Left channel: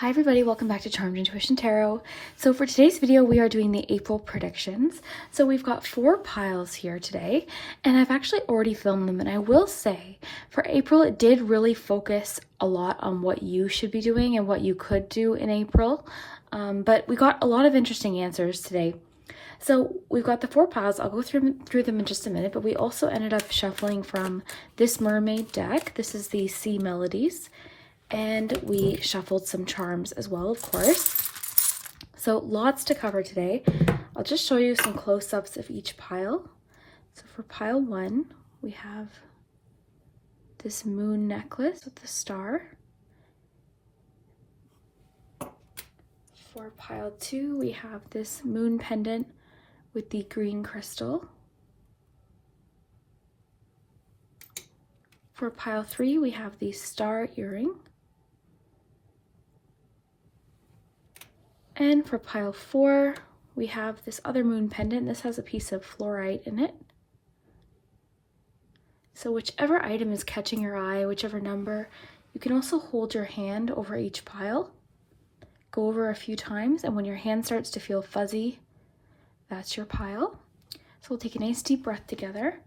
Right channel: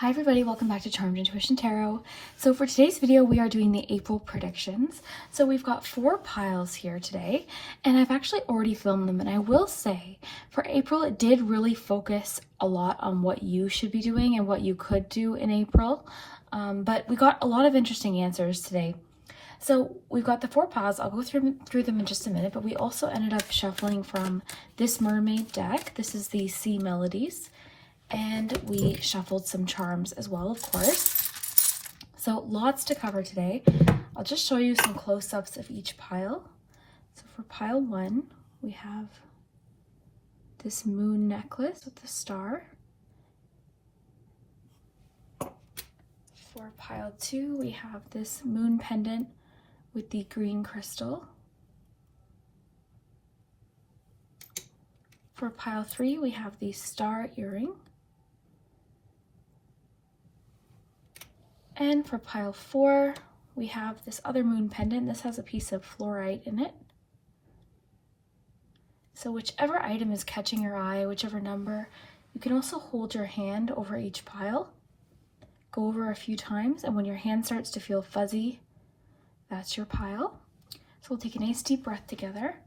Hi everybody, welcome back to Charmed Intuition Tarot. So for today's video, we are doing the April predictions. So we've got 4 piles here today, and I've actually already filmed them. And I will say, for April, it did really focus a lot on what you should be doing and what you could do in April. But we got a lot of interesting answers today. So we've got the 4 piles. I'll go through them in just a minute, but we also ended up shuffling from this mermaid deck. This is the Sea Melodies. And we shuffled some charms as well, of course. So lots to cover today. I'll just show you some close-ups of each pile. So for pile 1, we have this moon necklace with the star. For pile 2, we have this moon pendant with the green crystal. For pile 3, we have the star earring. And for pile 4, we have this other moon pendant. This has a piece of fluorite in it. So whichever item is catching your eye, whichever number, you can also hold your hand over each pile. Go over a few times, and when your hand starts to feel fuzzy, that's your pile. So we'll take a nice deep breath together.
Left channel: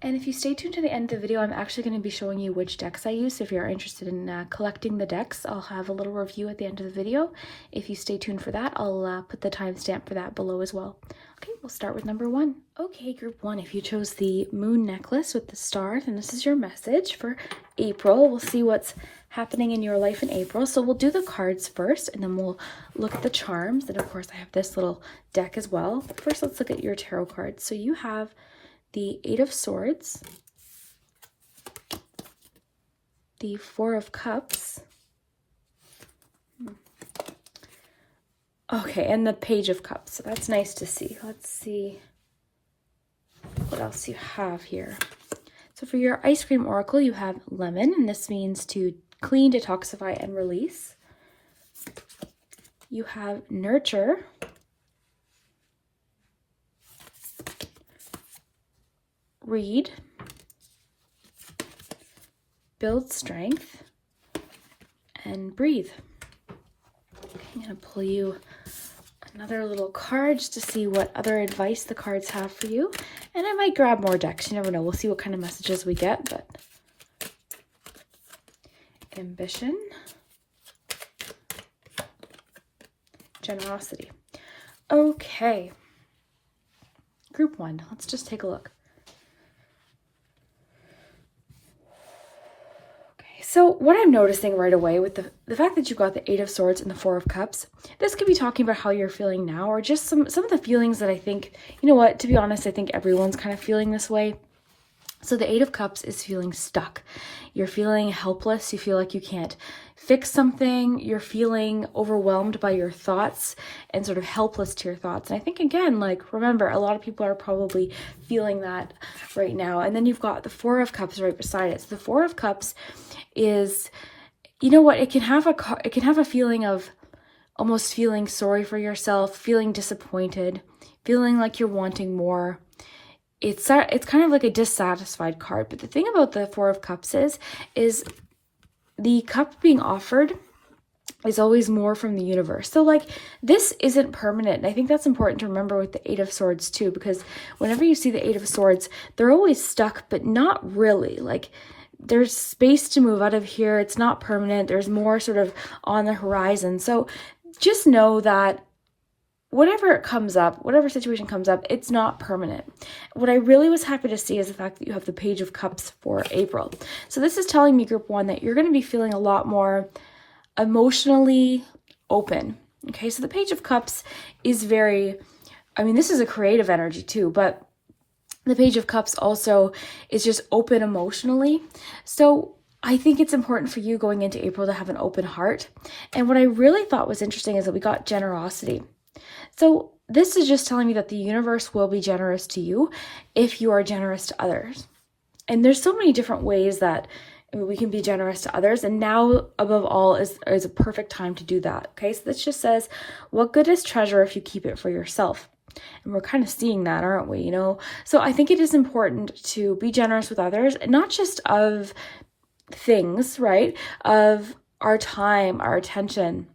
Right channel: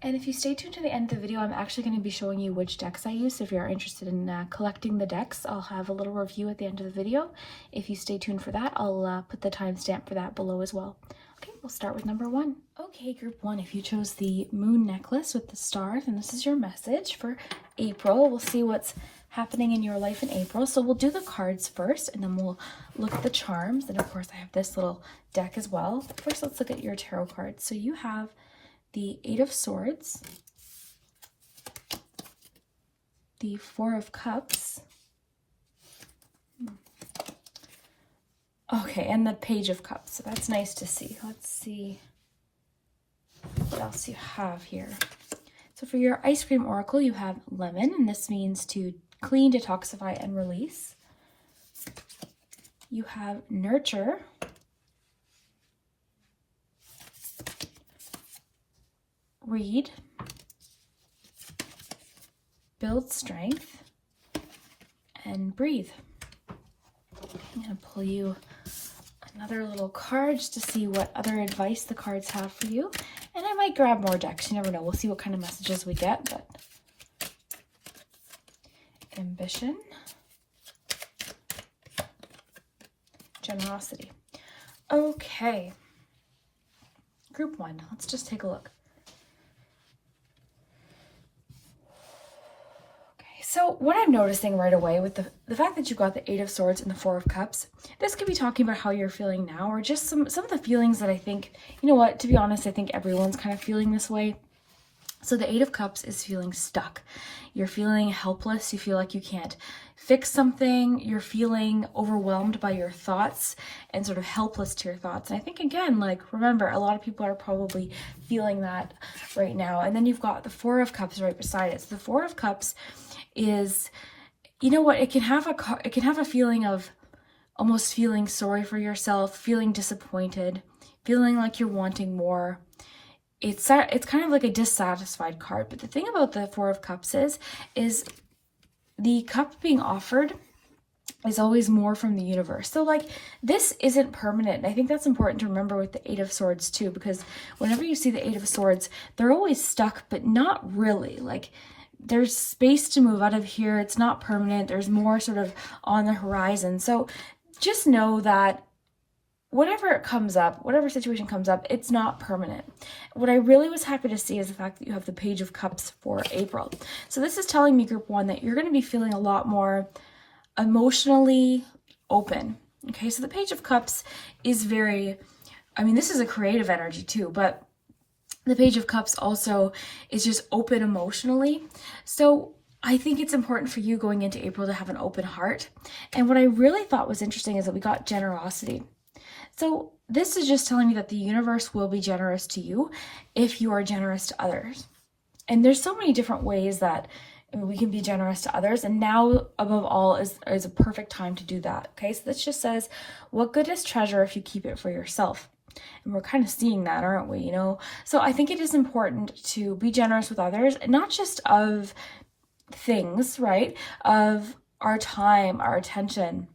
And if you stay tuned to the end of the video, I'm actually going to be showing you which decks I use. If you're interested in collecting the decks, I'll have a little review at the end of the video. If you stay tuned for that, I'll put the timestamp for that below as well. Okay, we'll start with number 1. Okay, group 1, if you chose the moon necklace with the star, then this is your message for April. We'll see what's happening in your life in April. So we'll do the cards first, and then we'll look at the charms. And of course, I have this little deck as well. First, let's look at your tarot cards. So you have the 8 of Swords, the 4 of Cups, okay, and the Page of Cups. So that's nice to see. Let's see what else you have here. So for your ice cream oracle, you have lemon, and this means to clean, detoxify, and release. You have nurture, read, build strength, and breathe. I'm going to pull you another little card just to see what other advice the cards have for you. And I might grab more decks. You never know. We'll see what kind of messages we get. But ambition, generosity. Okay. Group 1. Let's just take a look. So what I'm noticing right away with the fact that you've got the 8 of Swords and the 4 of Cups, this could be talking about how you're feeling now, or just some of the feelings that I think, you know what, to be honest, I think everyone's kind of feeling this way. So the 8 of Cups is feeling stuck. You're feeling helpless. You feel like you can't fix something. You're feeling overwhelmed by your thoughts and sort of helpless to your thoughts. And I think, again, like, remember, a lot of people are probably feeling that right now. And then you've got the 4 of Cups right beside it. So the 4 of Cups is, you know what, it can have a feeling of almost feeling sorry for yourself, feeling disappointed, feeling like you're wanting more. It's kind of like a dissatisfied card. But the thing about the 4 of Cups is the cup being offered is always more from the universe. So like, this isn't permanent. And I think that's important to remember with the 8 of Swords too, because whenever you see the 8 of Swords, they're always stuck, but not really. Like, there's space to move out of here. It's not permanent. There's more sort of on the horizon. So just know that whatever comes up, whatever situation comes up, it's not permanent. What I really was happy to see is the fact that you have the Page of Cups for April. So this is telling me, group 1, that you're going to be feeling a lot more emotionally open. Okay, so the Page of Cups is very, I mean, this is a creative energy too, but the Page of Cups also is just open emotionally. So I think it's important for you going into April to have an open heart. And what I really thought was interesting is that we got generosity. So this is just telling me that the universe will be generous to you if you are generous to others. And there's so many different ways that we can be generous to others. And now, above all, is a perfect time to do that. Okay, so this just says, what good is treasure if you keep it for yourself? And we're kind of seeing that, aren't we? So I think it is important to be generous with others, not just of things, right? Of our time, our attention.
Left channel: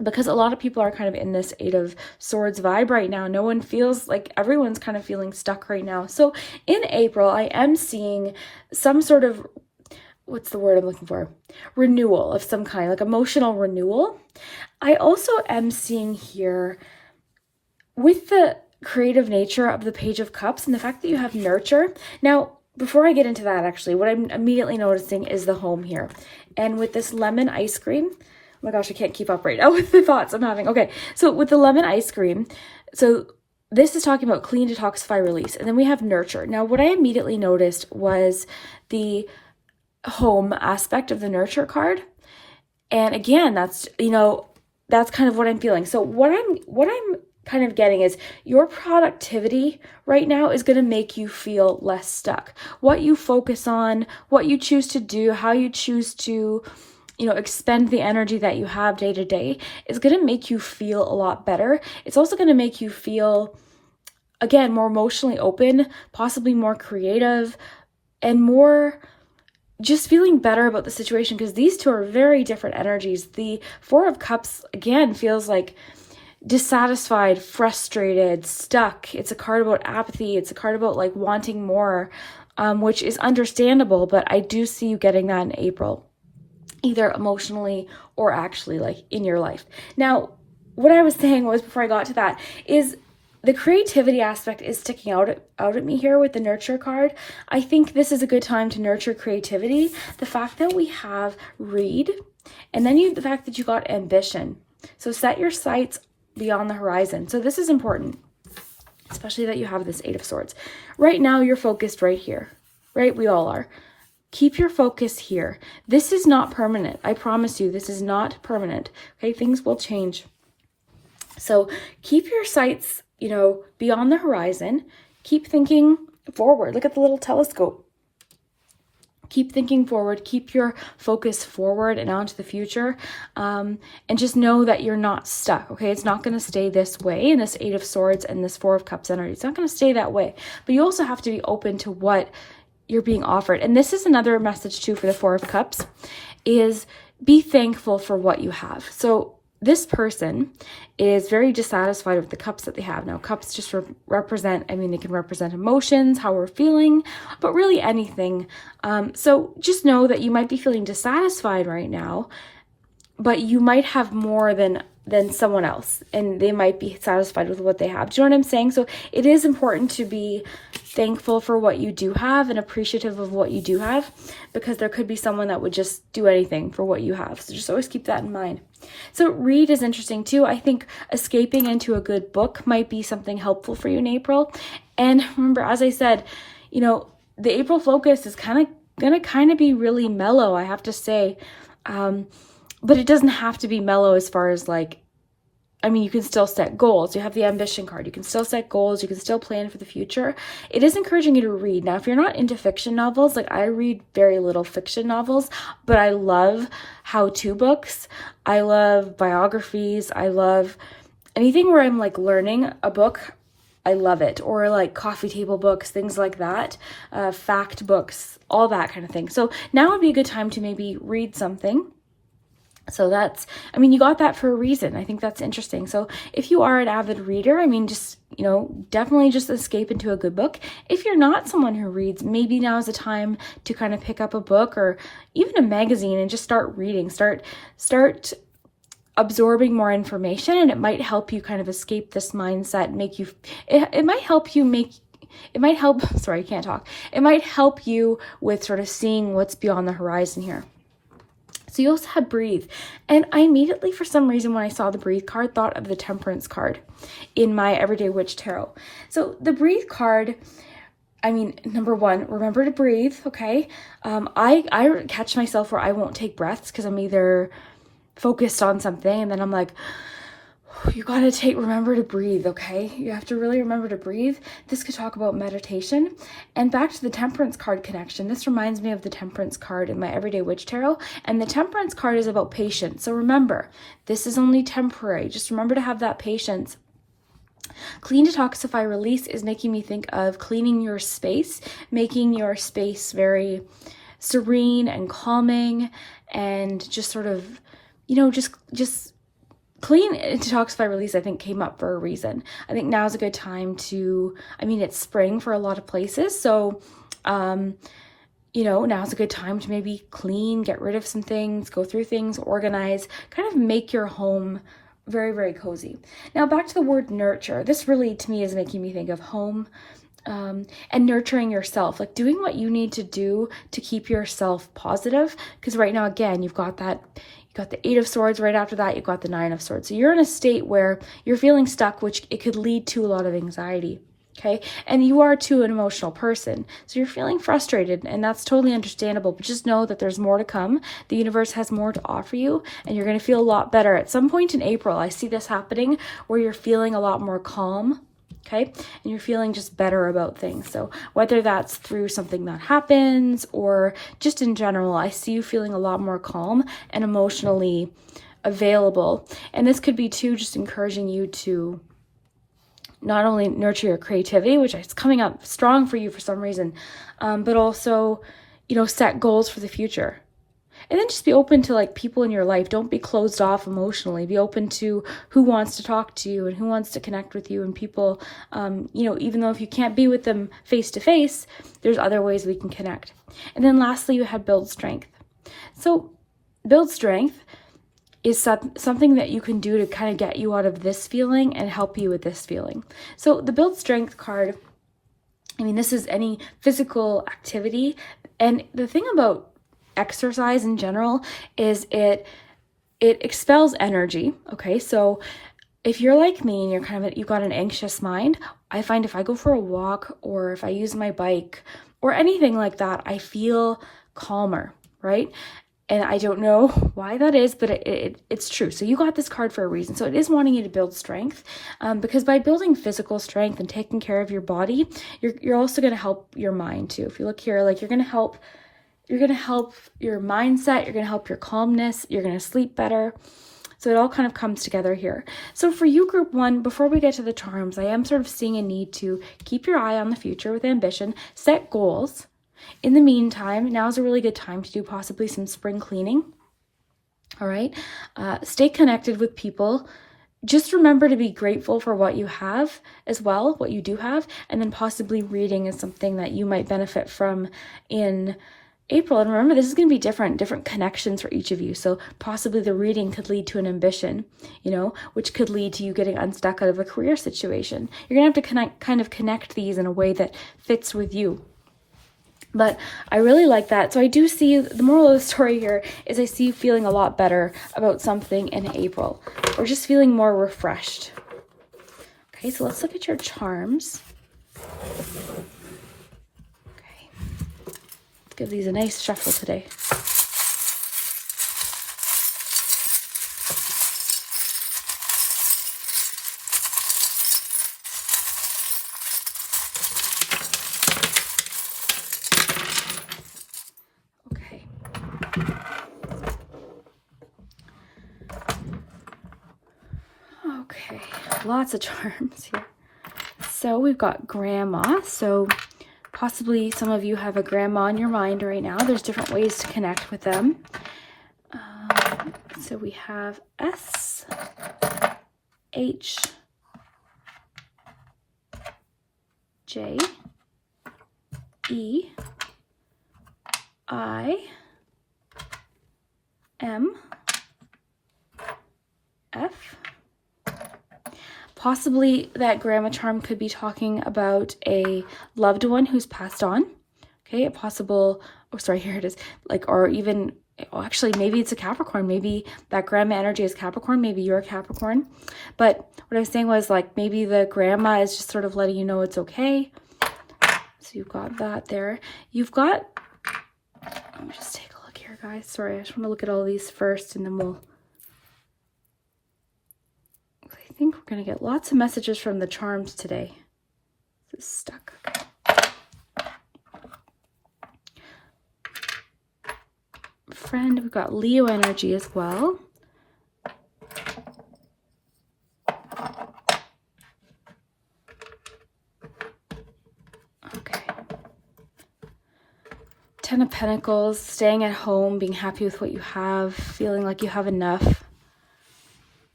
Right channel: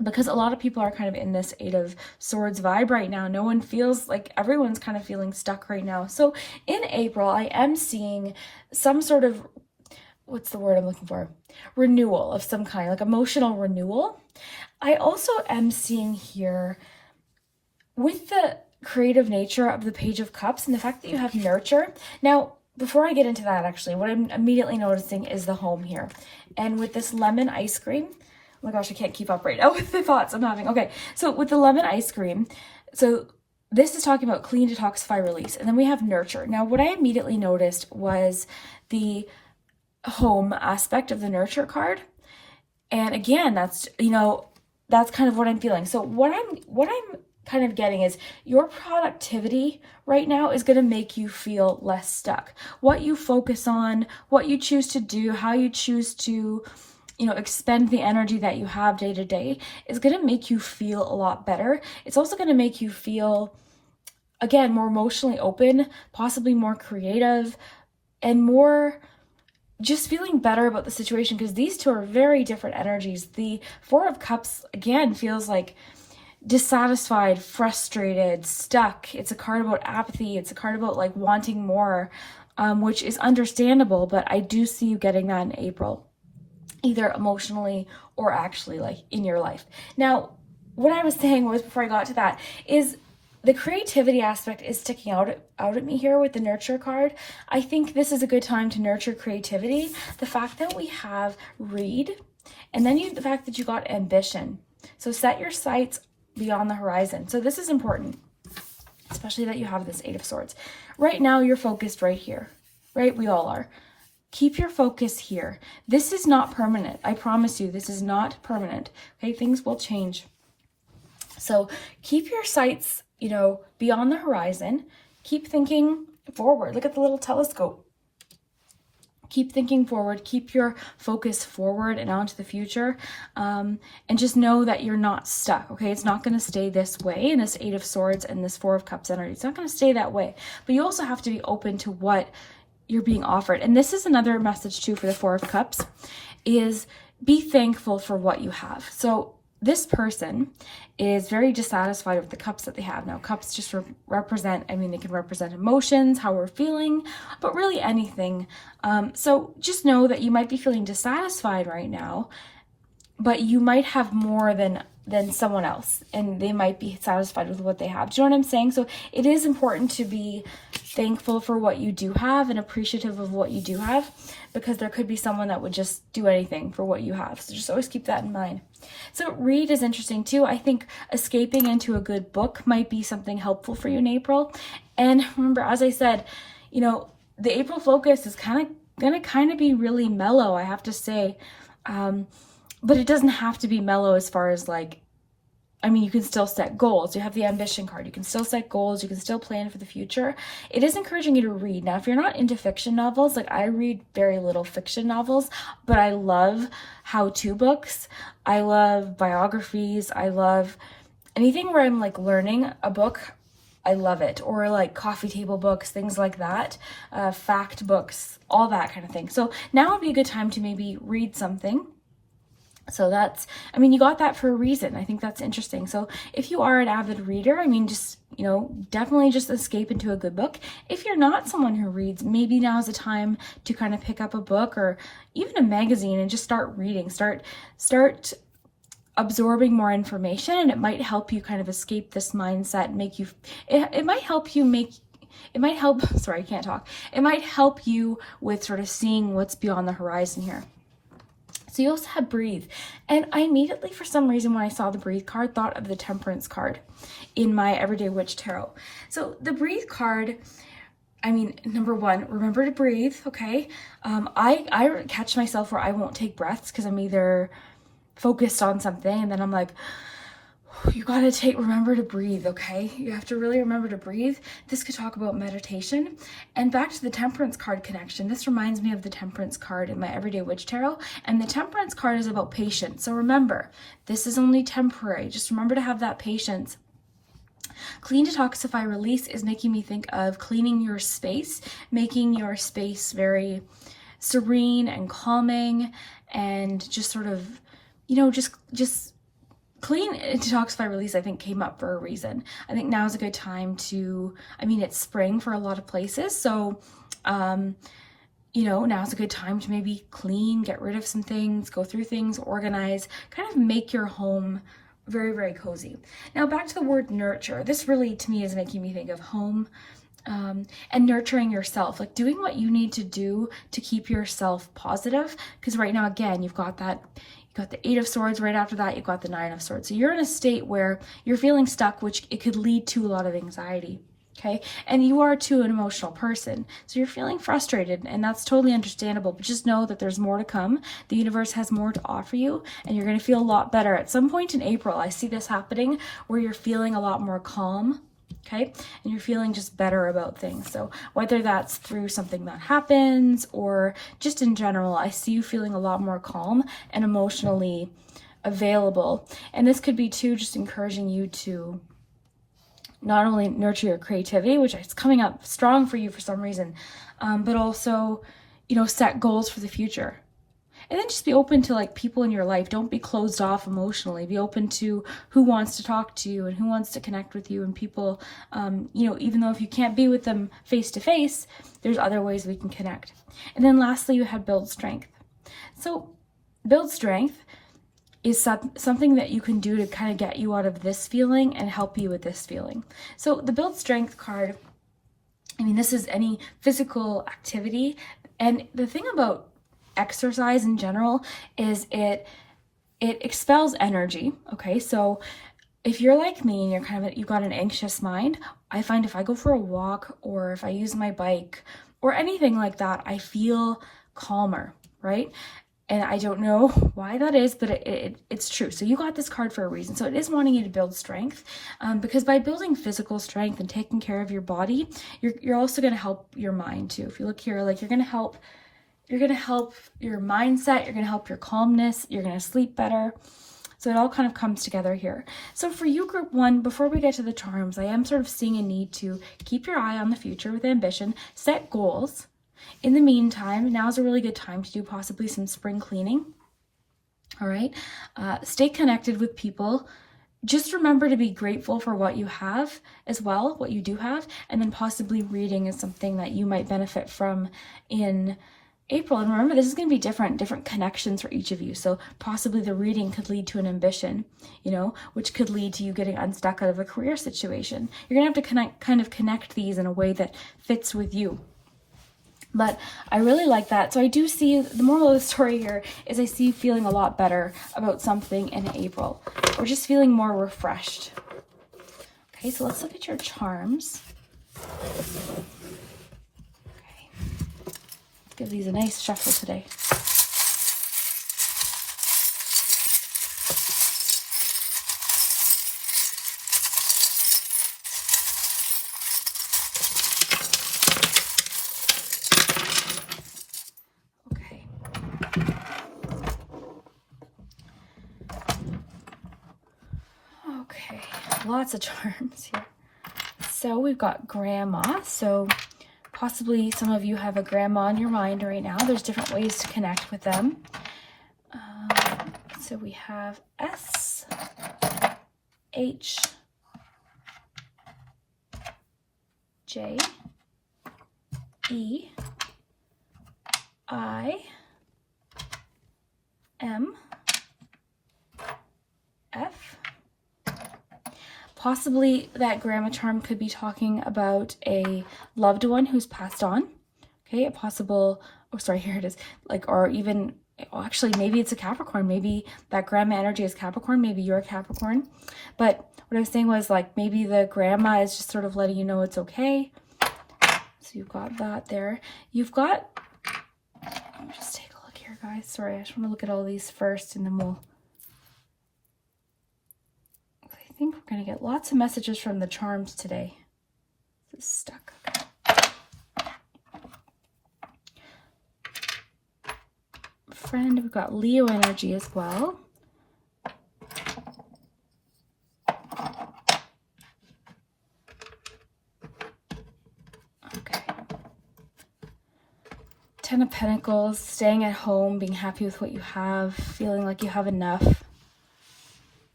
Because a lot of people are kind of in this Eight of Swords vibe right now. No one feels like, everyone's kind of feeling stuck right now. So in April, I am seeing some sort of, what's the word I'm looking for? Renewal of some kind, like emotional renewal. I also am seeing here, with the creative nature of the Page of Cups and the fact that you have nurture. Now, before I get into that, actually, what I'm immediately noticing is the home here. And with this lemon ice cream, oh my gosh, I can't keep up right now with the thoughts I'm having. Okay, so with the lemon ice cream, so this is talking about clean, detoxify, release. And then we have nurture. Now, what I immediately noticed was the home aspect of the nurture card. And again, that's, that's kind of what I'm feeling. So what I'm kind of getting is your productivity right now is going to make you feel less stuck. What you focus on, what you choose to do, how you choose to, expend the energy that you have day to day is going to make you feel a lot better. It's also going to make you feel, again, more emotionally open, possibly more creative, and more just feeling better about the situation, because these two are very different energies. The Four of Cups, again, feels like dissatisfied, frustrated, stuck. It's a card about apathy. It's a card about like wanting more, which is understandable, but I do see you getting that in April, either emotionally or actually like in your life. Now, what I was saying was, before I got to that, is the creativity aspect is sticking out at me here with the nurture card. I think this is a good time to nurture creativity. The fact that we have read, and then the fact that you got ambition. So set your sights beyond the horizon. So this is important, especially that you have this Eight of Swords. Right now, you're focused right here, right? We all are. Keep your focus here. This is not permanent. I promise you, this is not permanent. Okay, things will change. So keep your sights, beyond the horizon. Keep thinking forward. Look at the little telescope. Keep thinking forward, keep your focus forward and onto the future, and just know that you're not stuck, okay? It's not going to stay this way in this Eight of Swords and this Four of Cups energy. It's not going to stay that way, but you also have to be open to what you're being offered. And this is another message too for the Four of Cups, is be thankful for what you have. So this person is very dissatisfied with the cups that they have. Now, cups just represent, they can represent emotions, how we're feeling, but really anything. So just know that you might be feeling dissatisfied right now, but you might have more than someone else, and they might be satisfied with what they have. Do you know what I'm saying? So it is important to be thankful for what you do have and appreciative of what you do have, because there could be someone that would just do anything for what you have. So just always keep that in mind. So read is interesting too. I think escaping into a good book might be something helpful for you in April. And remember, as I said, the April focus is gonna be really mellow, I have to say. But it doesn't have to be mellow as far as you can still set goals. You have the ambition card. You can still set goals. You can still plan for the future. It is encouraging you to read. Now, if you're not into fiction novels, I read very little fiction novels, but I love how-to books. I love biographies. I love anything where I'm learning a book. I love it. Or coffee table books, things like that, fact books, all that kind of thing. So now would be a good time to maybe read something. So that's, you got that for a reason. I think that's interesting. So if you are an avid reader, definitely just escape into a good book. If you're not someone who reads, maybe now's the time to kind of pick up a book or even a magazine and just start reading, start absorbing more information, and it might help you kind of escape this mindset, it might help you with sort of seeing what's beyond the horizon here. So you also have breathe. And I immediately, for some reason, when I saw the breathe card, thought of the temperance card in my Everyday Witch Tarot. So the breathe card, number one, remember to breathe, okay? I catch myself where I won't take breaths because I'm either focused on something and then I'm like, you gotta remember to breathe, okay? You have to really remember to breathe. This could talk about meditation. And back to the Temperance card connection. This reminds me of the Temperance card in my Everyday Witch Tarot. And the Temperance card is about patience. So remember, this is only temporary. Just remember to have that patience. Clean, detoxify, release is making me think of cleaning your space, making your space very serene and calming, and just sort of, just clean, detoxify, release, I think came up for a reason. I think now's a good time to, it's spring for a lot of places. So, now's a good time to maybe clean, get rid of some things, go through things, organize, kind of make your home very, very cozy. Now back to the word nurture. This really, to me, is making me think of home, and nurturing yourself, like doing what you need to do to keep yourself positive. Because right now, again, you've got the 8 of Swords. Right after that, you've got the 9 of Swords. So you're in a state where you're feeling stuck, which it could lead to a lot of anxiety. Okay. And you are too an emotional person. So you're feeling frustrated, and that's totally understandable, but just know that there's more to come. The universe has more to offer you, and you're going to feel a lot better at some point in April. I see this happening where you're feeling a lot more calm. Okay. And you're feeling just better about things. So whether that's through something that happens or just in general, I see you feeling a lot more calm and emotionally available. And this could be too, just encouraging you to not only nurture your creativity, which is coming up strong for you for some reason, but also, set goals for the future. And then just be open to like people in your life. Don't be closed off emotionally. Be open to who wants to talk to you and who wants to connect with you, and people, even though if you can't be with them face to face, there's other ways we can connect. And then lastly, you had build strength. So build strength is something that you can do to kind of get you out of this feeling and help you with this feeling. So the build strength card, this is any physical activity. And the thing about exercise in general is it expels energy. Okay, so if you're like me and you've got an anxious mind, I find if I go for a walk or if I use my bike or anything like that, I feel calmer, right? And I don't know why that is, but it's true. So you got this card for a reason. So it is wanting you to build strength, because by building physical strength and taking care of your body, you're also going to help your mind too. If you look here, like you're going to help your mindset, you're going to help your calmness, you're going to sleep better. So it all kind of comes together here. So for you, group 1, before we get to the charms, I am sort of seeing a need to keep your eye on the future with ambition, set goals. In the meantime, now's a really good time to do possibly some spring cleaning. All right. Stay connected with people. Just remember to be grateful for what you have as well, what you do have, and then possibly reading is something that you might benefit from in April. And remember, this is going to be different connections for each of you. So possibly the reading could lead to an ambition, which could lead to you getting unstuck out of a career situation. You're going to have to connect these in a way that fits with you. But I really like that. So I do see, the moral of the story here is I see you feeling a lot better about something in April, or just feeling more refreshed. Okay, so let's look at your charms. Okay, let's give these a nice shuffle today. Lots of charms here. So we've got grandma. So possibly some of you have a grandma in your mind right now. There's different ways to connect with them. So we have S, H, J, E, I, M, F. Possibly that grandma charm could be talking about a loved one who's passed on. Okay, a possible, here it is, or even, actually, maybe it's a Capricorn. Maybe that grandma energy is Capricorn. Maybe you're a Capricorn. But what I was saying was, maybe the grandma is just sort of letting you know it's okay. So you've got that there. You've got, let me just take a look here, guys. Sorry, I just want to look at all these first, and then we'll, I think we're going to get lots of messages from the charms today. This is stuck. Friend, we've got Leo energy as well. Ten of Pentacles, staying at home, being happy with what you have, feeling like you have enough.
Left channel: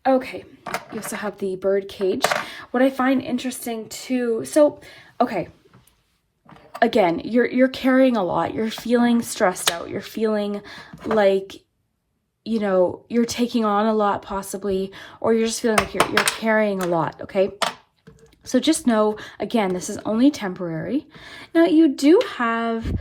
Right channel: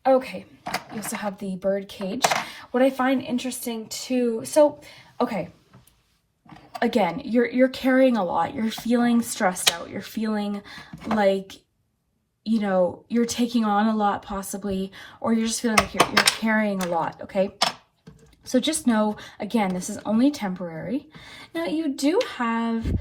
Okay, you also have the bird cage. What I find interesting too, so, okay, again, you're carrying a lot. You're feeling stressed out. You're feeling like, you know, you're taking on a lot possibly, or you're just feeling like you're carrying a lot, okay? So just know, again, this is only temporary. Now you do have,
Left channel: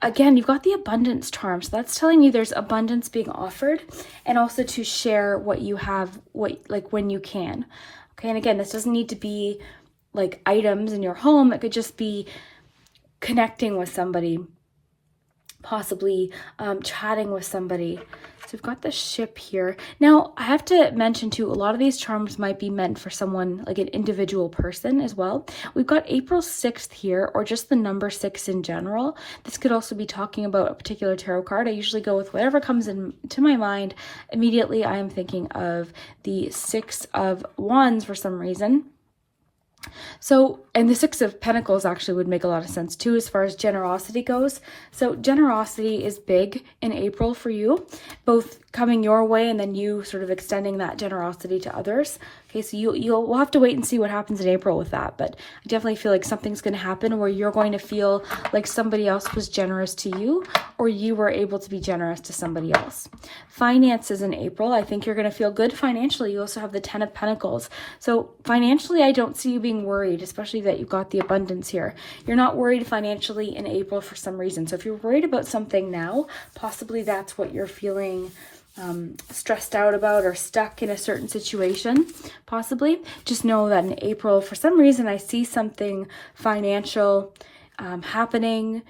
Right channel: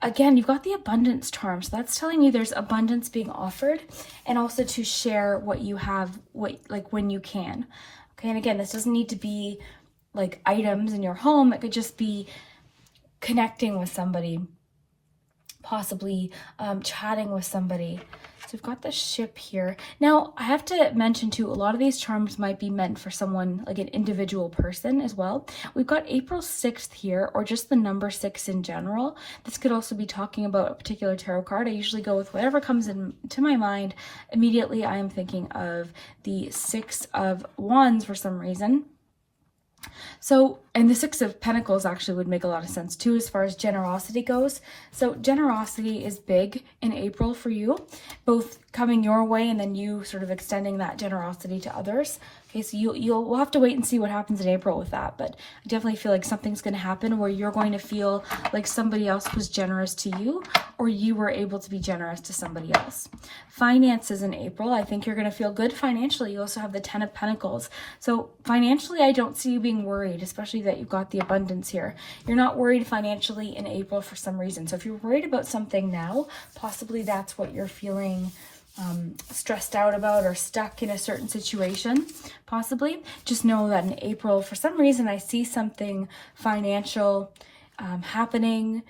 again, you've got the abundance charm. So that's telling me there's abundance being offered, and also to share what you have, like when you can. Okay, and again, this doesn't need to be like items in your home. It could just be connecting with somebody, possibly chatting with somebody. So we've got the ship here. Now, I have to mention too, a lot of these charms might be meant for someone, like an individual person as well. We've got April 6th here, or just the number 6 in general. This could also be talking about a particular tarot card. I usually go with whatever comes into my mind. Immediately, I'm thinking of the 6 of Wands for some reason. So, and the 6 of Pentacles actually would make a lot of sense too as far as generosity goes. So generosity is big in April for you, both coming your way and then you sort of extending that generosity to others. Okay, so we'll have to wait and see what happens in April with that, but I definitely feel like something's going to happen where you're going to feel like somebody else was generous to you, or you were able to be generous to somebody else. Finances in April, I think you're going to feel good financially. You also have the 10 of Pentacles. So financially, I don't see you being worried, especially that you've got the abundance here. You're not worried financially in April for some reason. So if you're worried about something now, possibly that's what you're feeling stressed out about, or stuck in a certain situation, possibly. Just know that in April, for some reason, I see something financial happening,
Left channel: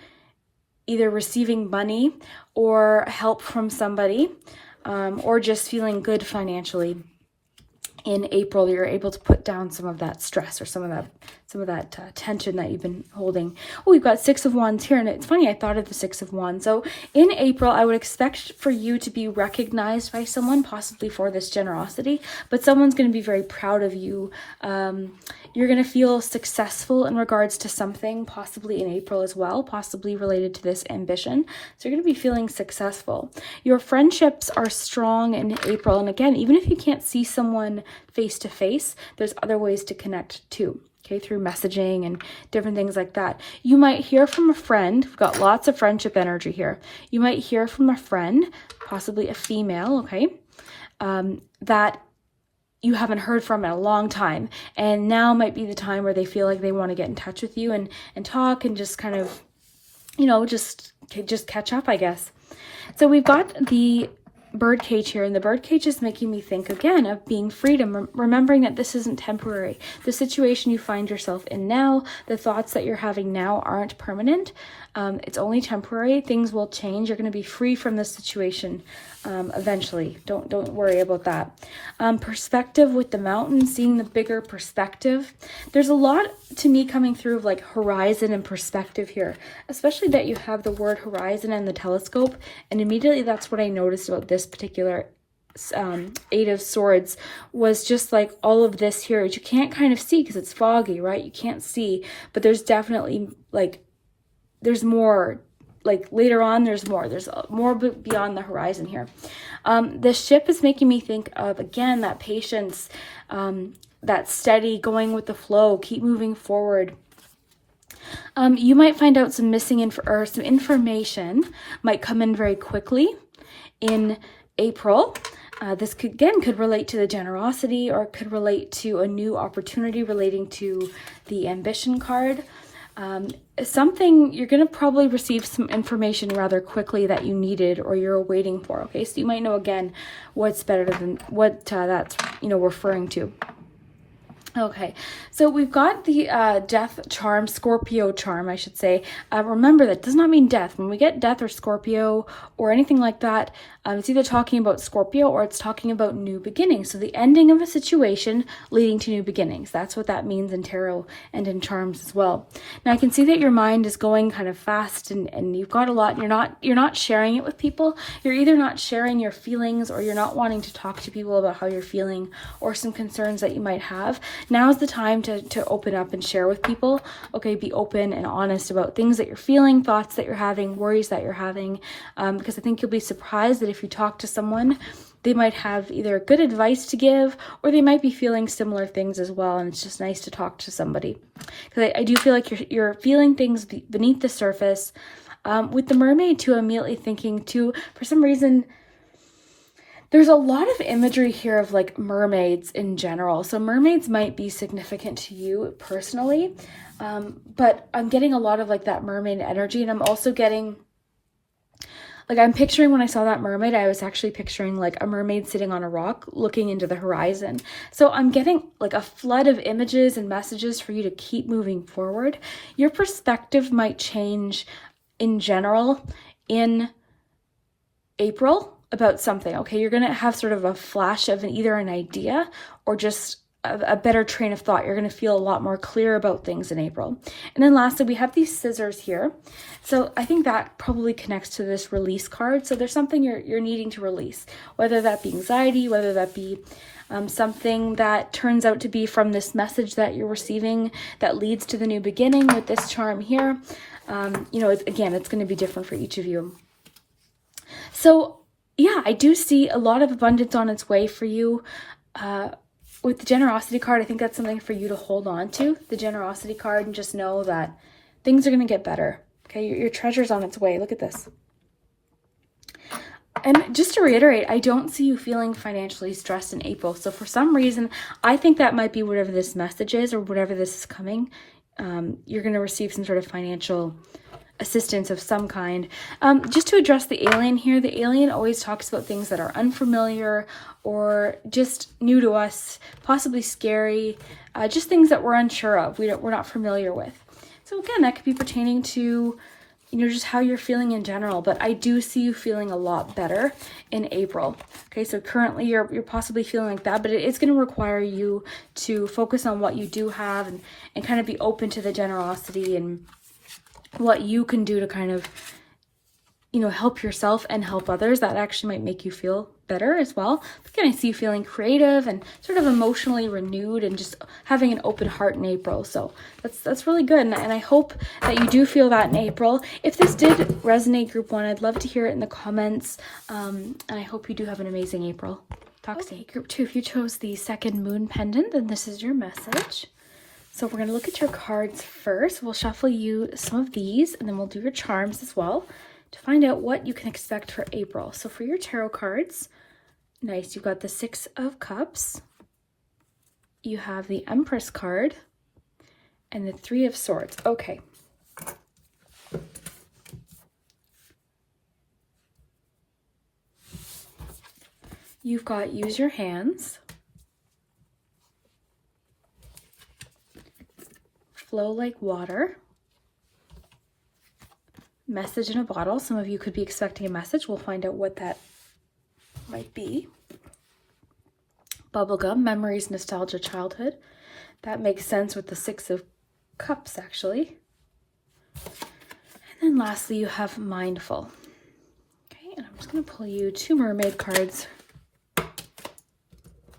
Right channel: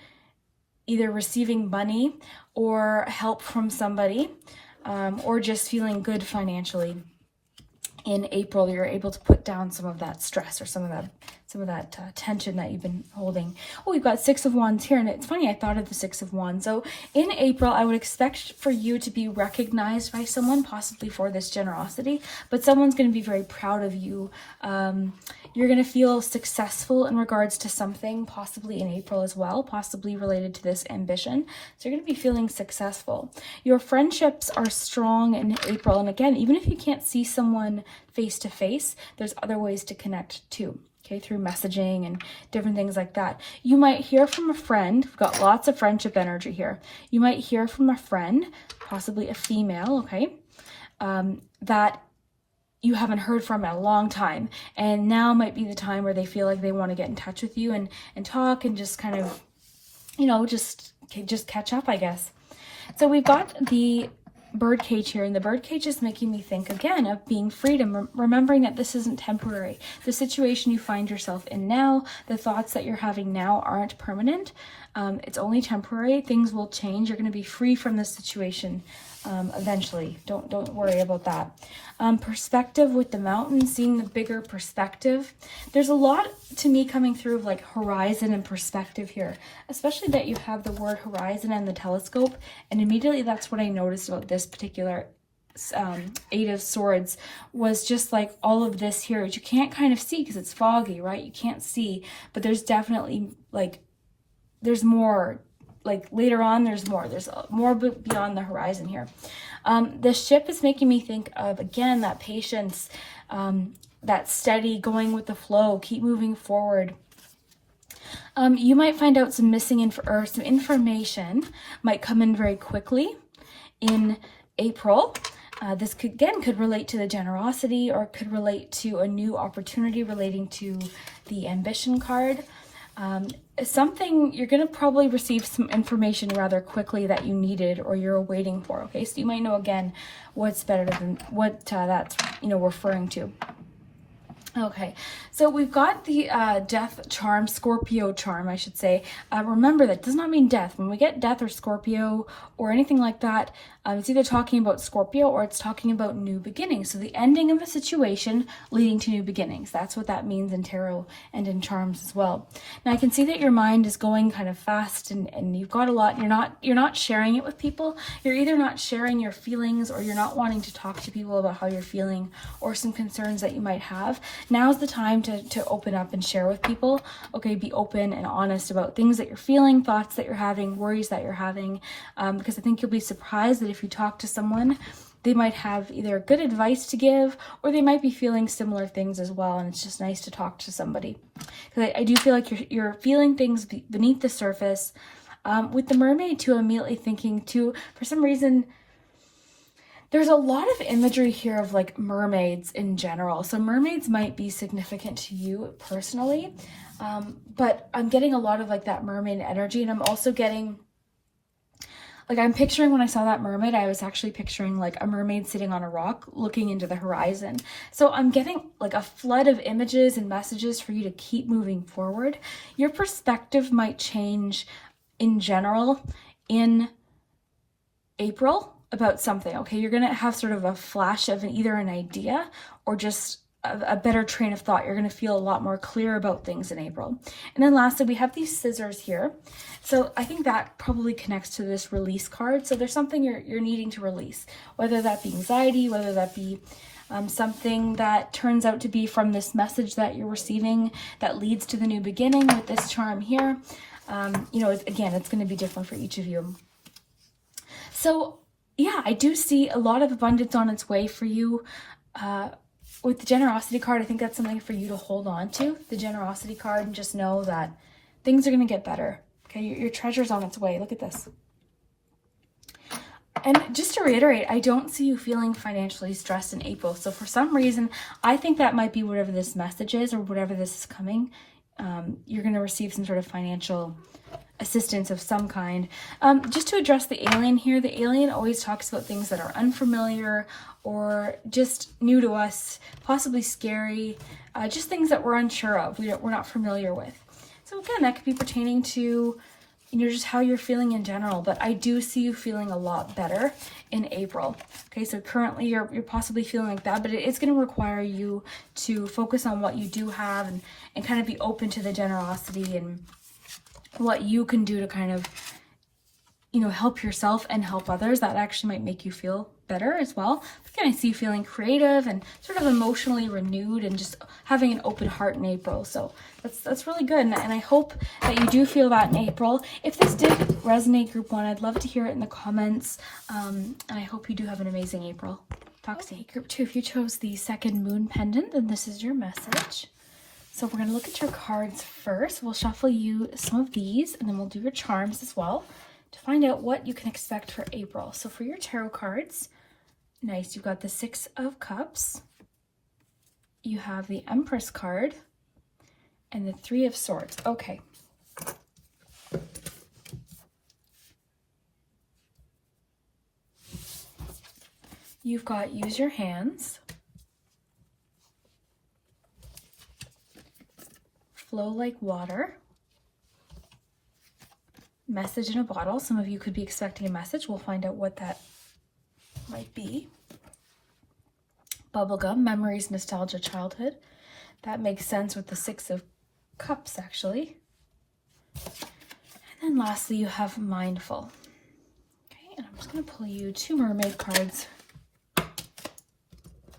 either receiving money or help from somebody, or just feeling good financially. In April, you're able to put down some of that stress or some of that tension that you've been holding. Oh, we've got 6 of Wands here, and it's funny, I thought of the 6 of Wands. So in April, I would expect for you to be recognized by someone, possibly for this generosity, but someone's going to be very proud of you. You're going to feel successful in regards to something, possibly in April as well, possibly related to this ambition. So you're going to be feeling successful. Your friendships are strong in April. And again, even if you can't see someone face to face, there's other ways to connect too. Okay, through messaging and different things like that. You might hear from a friend. We've got lots of friendship energy here. You might hear from a friend, possibly a female, okay, that you haven't heard from in a long time, and now might be the time where they feel like they want to get in touch with you and talk and just kind of, you know, just catch up, I guess. So we've got the bird cage here, and the bird cage is making me think again of being freedom, remembering that this isn't temporary. The situation you find yourself in now, the thoughts that you're having now aren't permanent. It's only temporary. Things will change. You're going to be free from this situation eventually. Don't worry about that. Perspective with the mountain, seeing the bigger perspective. There's a lot to me coming through of like horizon and perspective here, especially that you have the word horizon and the telescope, and immediately that's what I noticed about this particular 8 of Swords, was just like all of this here, which you can't kind of see because it's foggy, right? You can't see, but there's definitely like, there's more, like later on, there's more beyond the horizon here. The ship is making me think of, again, that patience, that steady going with the flow, keep moving forward. You might find out some missing some information might come in very quickly in April. This could relate to the generosity, or it could relate to a new opportunity relating to the ambition card. Something you're going to probably receive some information rather quickly that you needed or you're waiting for. Okay, so you might know again what's better than what that's referring to. Okay, so we've got the death charm, Scorpio charm, I should say. Remember, that does not mean death. When we get death or Scorpio or anything like that, it's either talking about Scorpio or it's talking about new beginnings. So the ending of a situation leading to new beginnings. That's what that means in tarot and in charms as well. Now I can see that your mind is going kind of fast and you've got a lot. You're not sharing it with people. You're either not sharing your feelings or you're not wanting to talk to people about how you're feeling or some concerns that you might have. now's the time to open up and share with people. Okay, be open and honest about things that you're feeling, thoughts that you're having, worries that you're having, because I think you'll be surprised that if you talk to someone, they might have either good advice to give, or they might be feeling similar things as well, and it's just nice to talk to somebody. Because I do feel like you're feeling things beneath the surface. With the mermaid too, immediately thinking too, for some reason, there's a lot of imagery here of like mermaids in general. So mermaids might be significant to you personally, but I'm getting a lot of like that mermaid energy, and I'm also getting, like, I'm picturing, when I saw that mermaid, I was actually picturing like a mermaid sitting on a rock looking into the horizon. So I'm getting like a flood of images and messages for you to keep moving forward. Your perspective might change in general in April about something, okay? You're gonna have sort of a flash of either an idea or just a better train of thought. You're going to feel a lot more clear about things in April. And then lastly, we have these scissors here. So I think that probably connects to this release card. So there's something you're needing to release, whether that be anxiety, whether that be something that turns out to be from this message that you're receiving that leads to the new beginning with this charm here. You know, again, it's going to be different for each of you. So yeah, I do see a lot of abundance on its way for you. With the generosity card, I think that's something for you to hold on to, the generosity card, and just know that things are going to get better. Okay, your treasure's on its way. Look at this. And just to reiterate, I don't see you feeling financially stressed in April. So for some reason, I think that might be whatever this message is or whatever this is coming. You're going to receive some sort of financial assistance of some kind. Just to address the alien here, the alien always talks about things that are unfamiliar or just new to us, possibly scary, just things that we're unsure of, we're not familiar with. So again, that could be pertaining to, you know, just how you're feeling in general, but I do see you feeling a lot better in April. Okay, so currently you're possibly feeling like that, but it's going to require you to focus on what you do have and kind of be open to the generosity and what you can do to kind of, you know, help yourself and help others. That actually might make you feel better as well. Again, I see you feeling creative and sort of emotionally renewed and just having an open heart in April. So that's really good. And I hope that you do feel that in April. If this did resonate, Group 1, I'd love to hear it in the comments. And I hope you do have an amazing April. Talk soon. Group 2, if you chose the second moon pendant, then this is your message. So we're going to look at your cards first. We'll shuffle you some of these, and then we'll do your charms as well to find out what you can expect for April. So for your tarot cards, nice, you've got the 6 of Cups, you have the Empress card, and the 3 of Swords. Okay. You've got use your hands, flow like water, message in a bottle. Some of you could be expecting a message. We'll find out what that might be. Bubblegum, memories, nostalgia, childhood. That makes sense with the 6 of Cups, actually. And then lastly, you have mindful. Okay, and I'm just going to pull you 2 mermaid cards.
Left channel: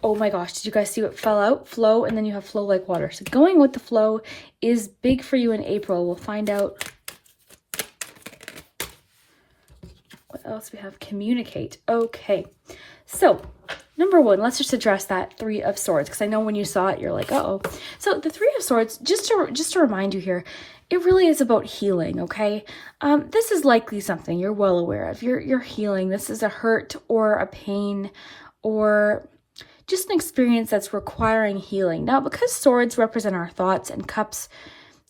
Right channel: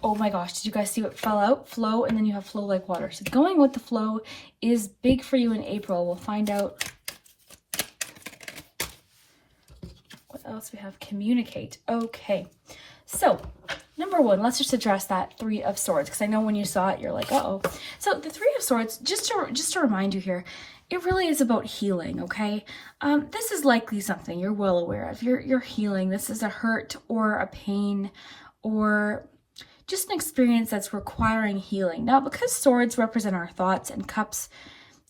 Oh my gosh, did you guys see what fell out? Flow, and then you have flow like water. So going with the flow is big for you in April. We'll find out what else we have. Communicate. Okay, so number 1, let's just address that 3 of Swords, because I know when you saw it, you're like, uh-oh. So the 3 of Swords, just to remind you here, it really is about healing, okay? This is likely something you're well aware of. You're healing. This is a hurt or a pain or just an experience that's requiring healing. Now, because swords represent our thoughts and cups,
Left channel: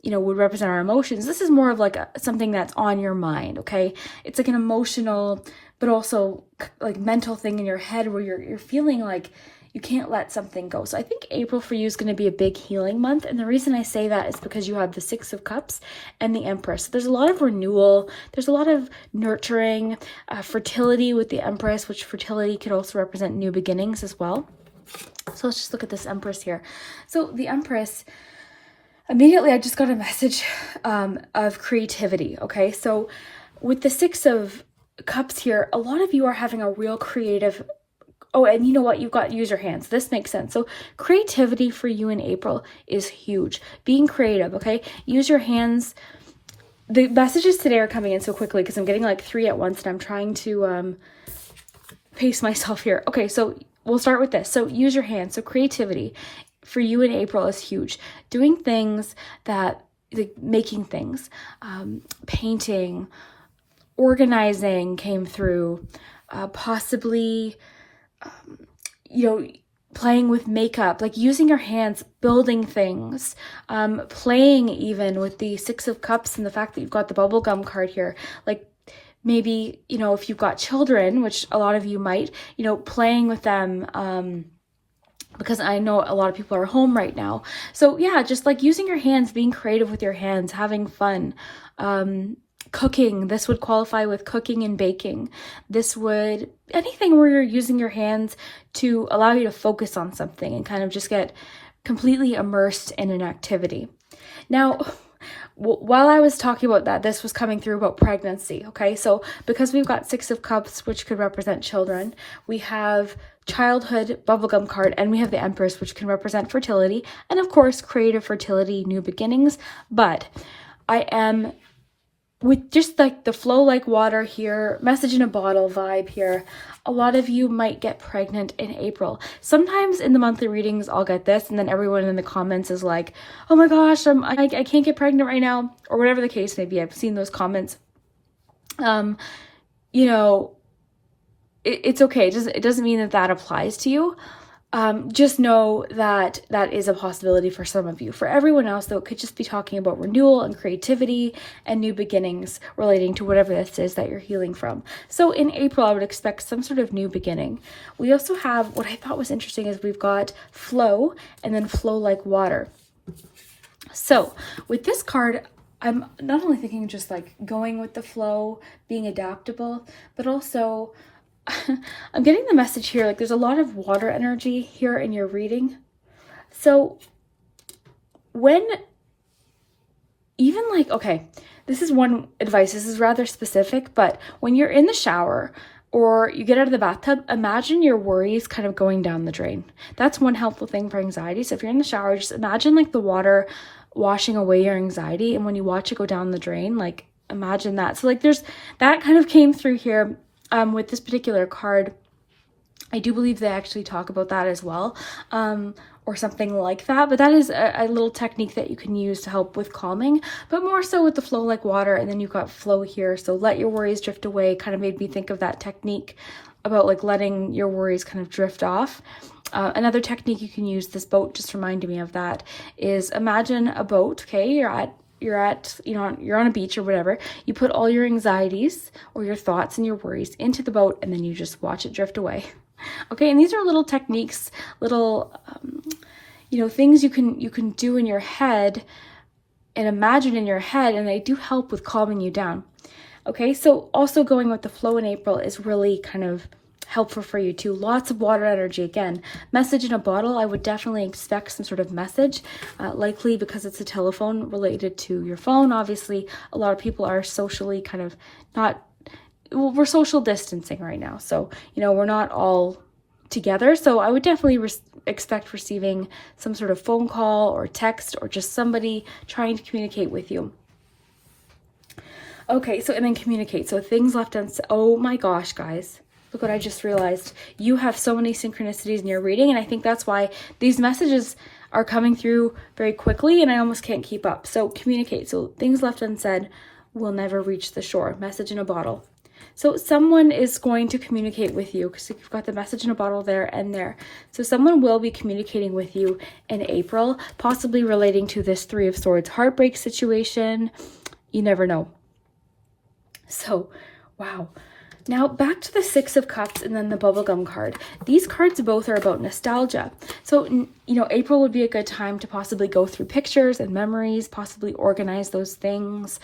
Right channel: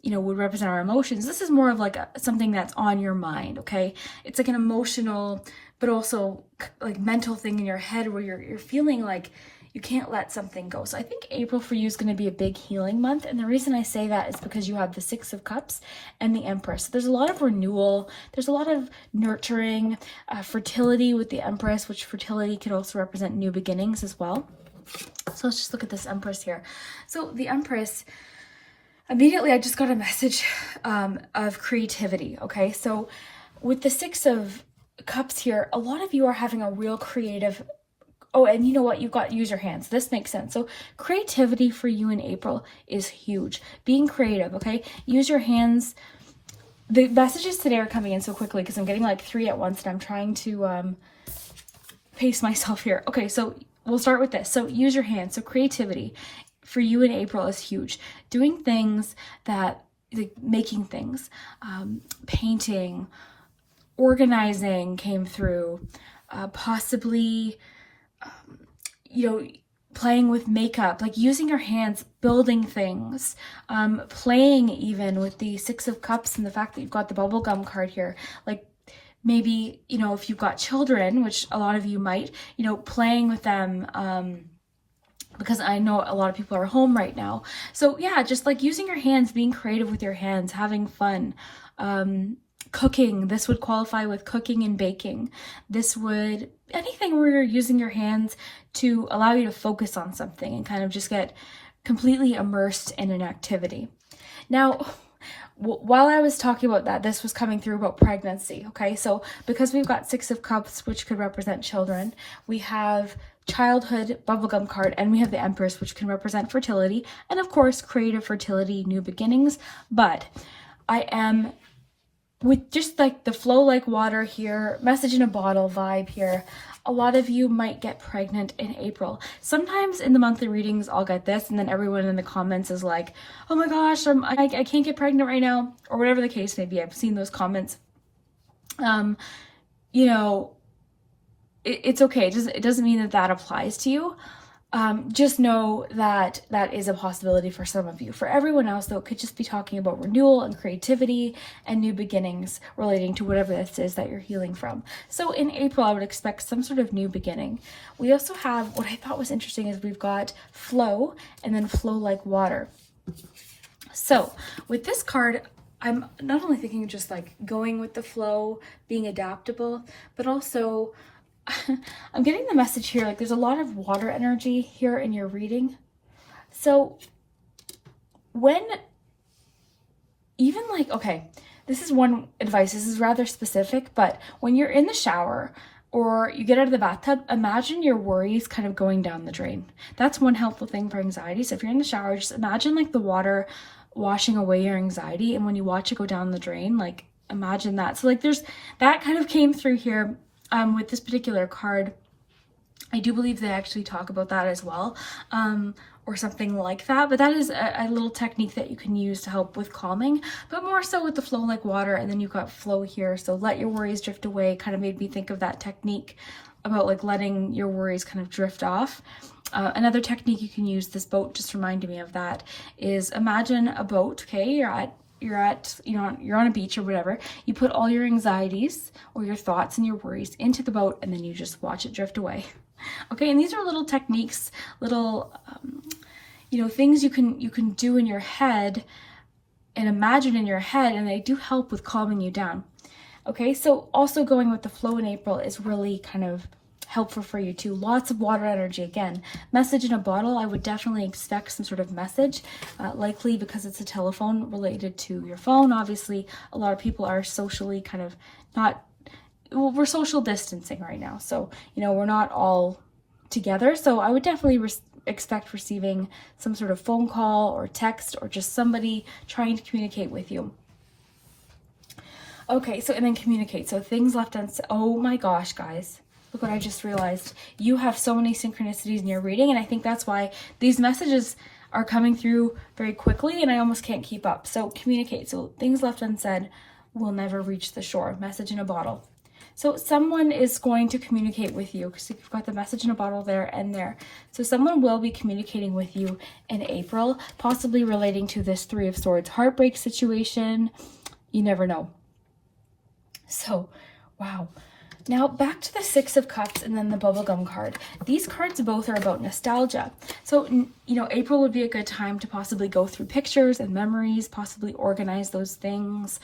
you know, would represent our emotions, this is more of like something that's on your mind, okay? It's like an emotional, but also like mental thing in your head where you're feeling like you can't let something go. So I think April for you is going to be a big healing month. And the reason I say that is because you have the 6 of Cups and the Empress. So there's a lot of renewal. There's a lot of nurturing, fertility with the Empress, which fertility could also represent new beginnings as well. So let's just look at this Empress here. So the Empress, immediately I just got a message of creativity, okay? So with the 6 of Cups here, a lot of you are having a real creative Oh, and you know what? You've got use your hands. This makes sense. So creativity for you in April is huge. Being creative, okay? Use your hands. The messages today are coming in so quickly because I'm getting like 3 at once and I'm trying to pace myself here. Okay, so we'll start with this. So use your hands. So creativity for you in April is huge. Doing things that, like making things, painting, organizing came through, possibly, playing with makeup, like using your hands, building things, playing even with the 6 of Cups and the fact that you've got the bubblegum card here. Like maybe, if you've got children, which a lot of you might, playing with them, because I know a lot of people are home right now. So yeah, just like using your hands, being creative with your hands, having fun, cooking. This would qualify with cooking and baking. This would, anything where you're using your hands to allow you to focus on something and kind of just get completely immersed in an activity. Now, while I was talking about that, this was coming through about pregnancy, okay? So because we've got 6 of Cups, which could represent children, we have childhood bubblegum card, and we have the Empress, which can represent fertility, and of course, creative fertility, new beginnings. But I am, with just like the flow like water here, message in a bottle vibe here, a lot of you might get pregnant in April. Sometimes in the monthly readings, I'll get this, and then everyone in the comments is like, oh my gosh, I can't get pregnant right now, or whatever the case may be. I've seen those comments. It's okay. It doesn't mean that applies to you. Just know that that is a possibility for some of you. For everyone else, though, it could just be talking about renewal and creativity and new beginnings relating to whatever this is that you're healing from. So in April, I would expect some sort of new beginning. We also have, what I thought was interesting is we've got flow and then flow like water. So with this card, I'm not only thinking just like going with the flow, being adaptable, but also I'm getting the message here, like there's a lot of water energy here in your reading. So when, even like, okay, this is one advice, this is rather specific, but when you're in the shower or you get out of the bathtub, imagine your worries kind of going down the drain. That's one helpful thing for anxiety. So if you're in the shower, just imagine like the water washing away your anxiety, and when you watch it go down the drain, like imagine that. So like there's, that kind of came through here. With this particular card, I do believe they actually talk about that as well, or something like that. But that is a little technique that you can use to help with calming, but more so with the flow like water. And then you've got flow here. So let your worries drift away kind of made me think of that technique about like letting your worries kind of drift off. Another technique you can use, this boat just reminded me of that, is imagine a boat, okay? You're on a beach or whatever. You put all your anxieties or your thoughts and your worries into the boat, and then you just watch it drift away. Okay, and these are little techniques, little, things you can do in your head and imagine in your head, and they do help with calming you down. Okay, so also going with the flow in April is really kind of helpful for you too. Lots of water energy. Again, message in a bottle. I would definitely expect some sort of message, likely because it's a telephone related to your phone. Obviously, a lot of people are socially kind of we're social distancing right now. So, we're not all together. So I would definitely expect receiving some sort of phone call or text or just somebody trying to communicate with you. Okay, so and then communicate. So things left unsaid. Oh my gosh, guys. Look what I just realized. You have so many synchronicities in your reading, and I think that's why these messages are coming through very quickly, and I almost can't keep up. So communicate. So things left unsaid will never reach the shore. Message in a bottle. So someone is going to communicate with you, because you've got the message in a bottle there and there. So someone will be communicating with you in April, possibly relating to this 3 of Swords heartbreak situation. You never know. So, wow. Now back to the 6 of Cups and then the bubblegum card. These cards both are about nostalgia. So, April would be a good time to possibly go through pictures and memories, possibly organize those things,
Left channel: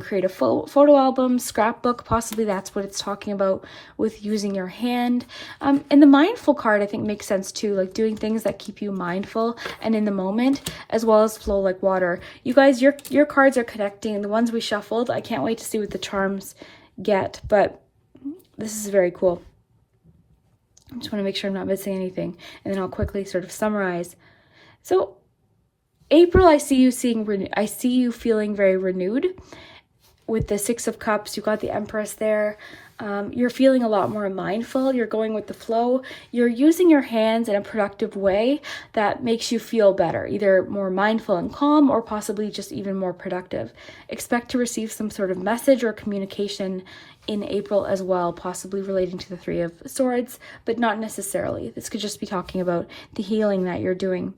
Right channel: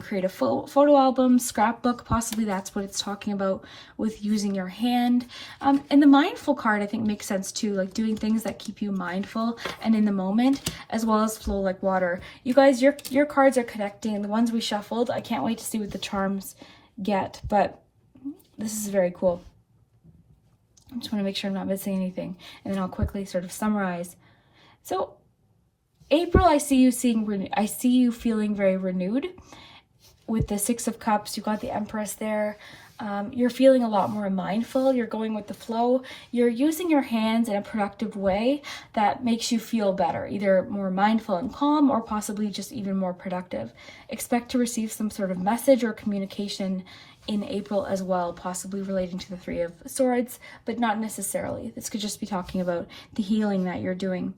create a photo album, scrapbook. Possibly that's what it's talking about with using your hand. And the mindful card, I think, makes sense too, like doing things that keep you mindful and in the moment, as well as flow like water. You guys, your cards are connecting. The ones we shuffled, I can't wait to see what the charms get, but this is very cool. I just want to make sure I'm not missing anything, and then I'll quickly sort of summarize. So April, I see you feeling very renewed. With the Six of Cups, you've got the Empress there. You're feeling a lot more mindful. You're going with the flow. You're using your hands in a productive way that makes you feel better, either more mindful and calm, or possibly just even more productive. Expect to receive some sort of message or communication in April as well, possibly relating to the Three of Swords, but not necessarily. This could just be talking about the healing that you're doing.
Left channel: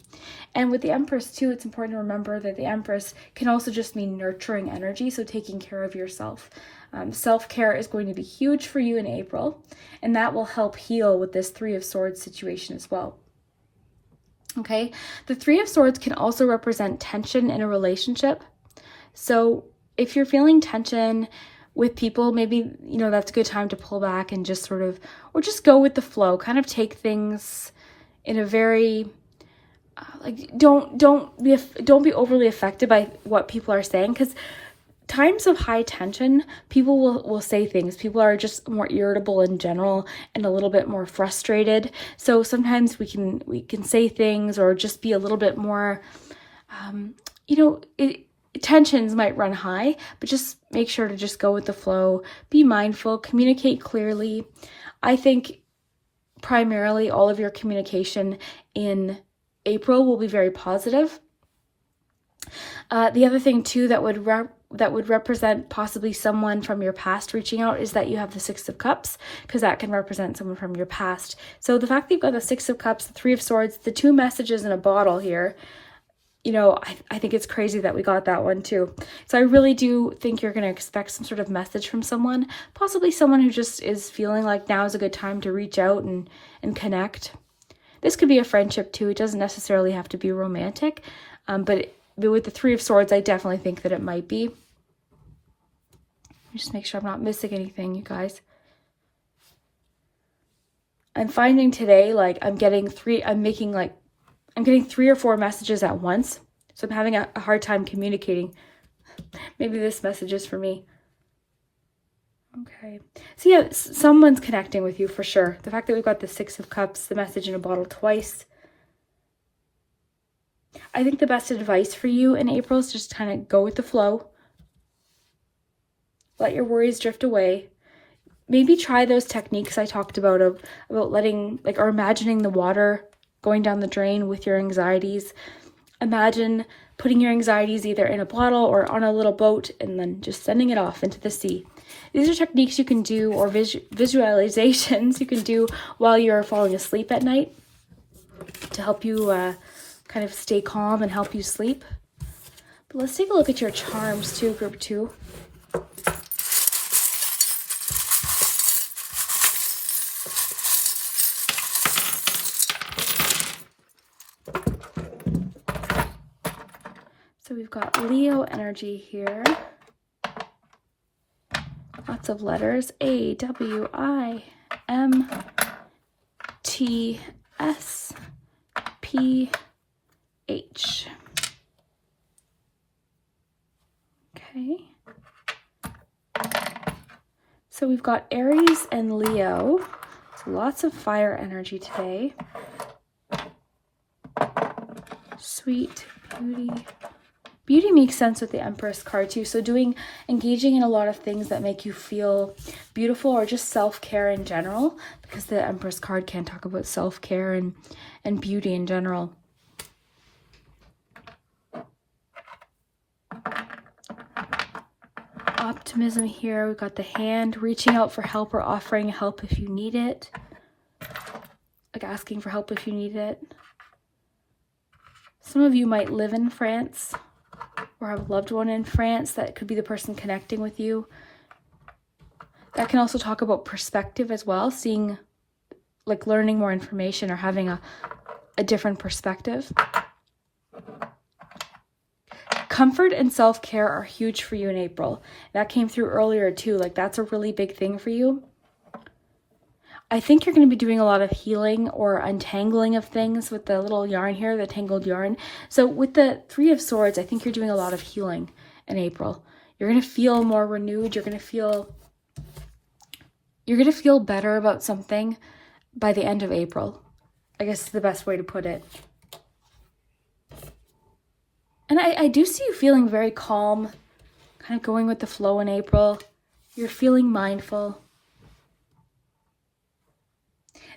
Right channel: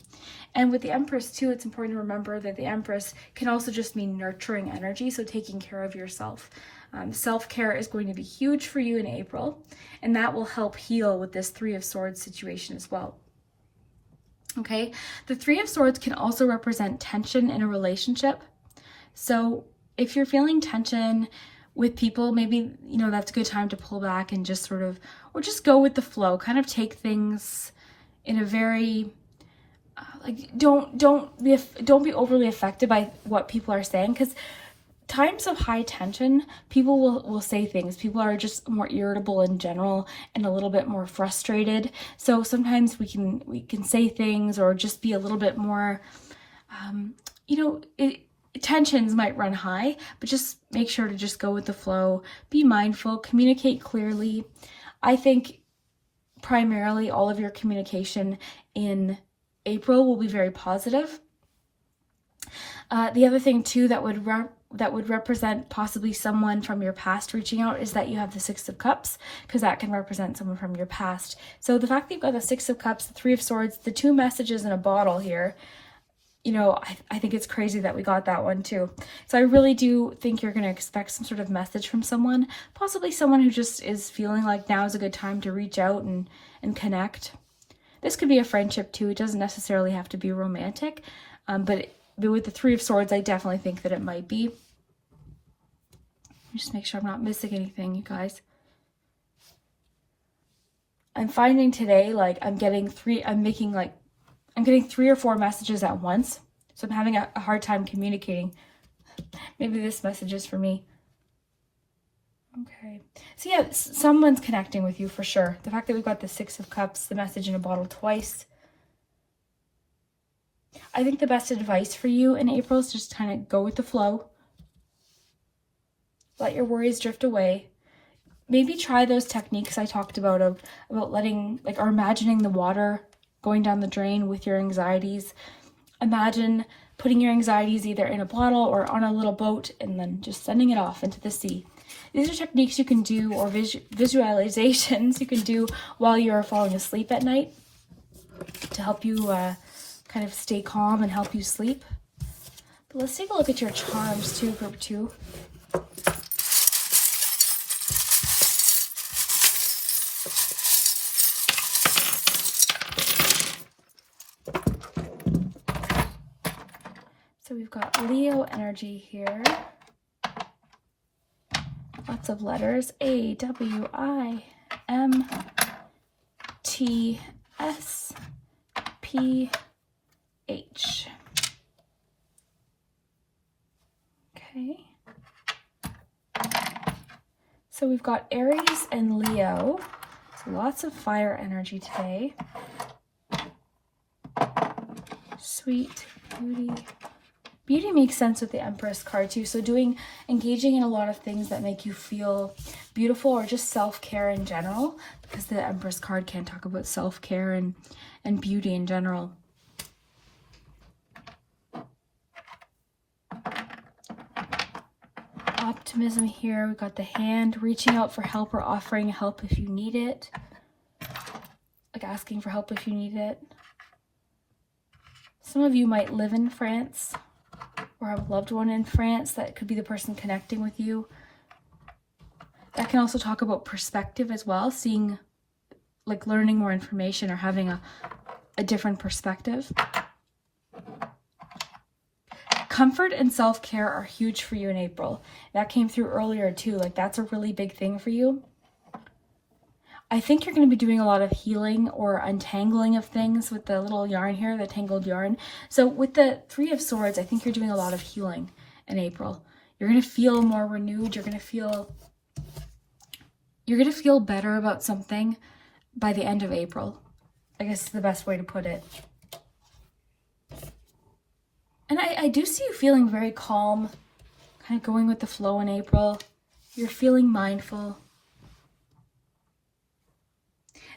And with the Empress too, it's important to remember that the Empress can also just mean nurturing energy, so taking care of yourself. Self-care is going to be huge for you in April, and that will help heal with this Three of Swords situation as well. Okay, the Three of Swords can also represent tension in a relationship. So if you're feeling tension with people, maybe, you know, that's a good time to pull back and just sort of, or just go with the flow, kind of take things in a very, like, don't be overly affected by what people are saying, because times of high tension, people will say things. People are just more irritable in general and a little bit more frustrated. So sometimes we can say things or just be a little bit more, tensions might run high, but just make sure to just go with the flow, be mindful, communicate clearly. I think primarily all of your communication in April will be very positive. The other thing too that would represent possibly someone from your past reaching out is that you have the Six of Cups, because that can represent someone from your past. So the fact that you've got the Six of Cups, the Three of Swords, the two messages in a bottle here, you know, I think it's crazy that we got that one too. So I really do think you're going to expect some sort of message from someone, possibly someone who just is feeling like now is a good time to reach out and connect. This could be a friendship too. It doesn't necessarily have to be romantic, but with the Three of Swords, I definitely think that it might be. Just make sure I'm not missing anything, you guys. I'm finding today, like, I'm getting 3 or 4 messages at once. So I'm having a hard time communicating. Maybe this message is for me. Okay. So yeah, someone's connecting with you for sure. The fact that we've got the Six of Cups, the message in a bottle twice. I think the best advice for you in April is just kind of go with the flow. Let your worries drift away. Maybe try those techniques I talked about letting, like, or imagining the water going down the drain with your anxieties. Imagine putting your anxieties either in a bottle or on a little boat and then just sending it off into the sea. These are techniques you can do, or visualizations you can do while you're falling asleep at night to help you kind of stay calm and help you sleep. But let's take a look at your charms too, group 2. So we've got Leo energy here. Lots of letters. A, W, I, M, T, S, P, H. Okay. So we've got Aries and Leo. So lots of fire energy today. Sweet, beauty. Beauty makes sense with the Empress card too. So engaging in a lot of things that make you feel beautiful, or just self-care in general, because the Empress card can talk about self-care and beauty in general. Optimism here. We've got the hand, reaching out for help or offering help if you need it. Like asking for help if you need it. Some of you might live in France or have a loved one in France. That could be the person connecting with you. That can also talk about perspective as well, seeing, like, learning more information or having a different perspective. Comfort and self-care are huge for you in April. That came through earlier too. Like, that's a really big thing for you. I think you're going to be doing a lot of healing or untangling of things with the little yarn here, the tangled yarn. So with the Three of Swords, I think you're doing a lot of healing in April. You're going to feel more renewed. You're going to feel better about something. by the end of April. I guess is the best way to put it. And I do see you feeling very calm, kind of going with the flow in April. You're feeling mindful.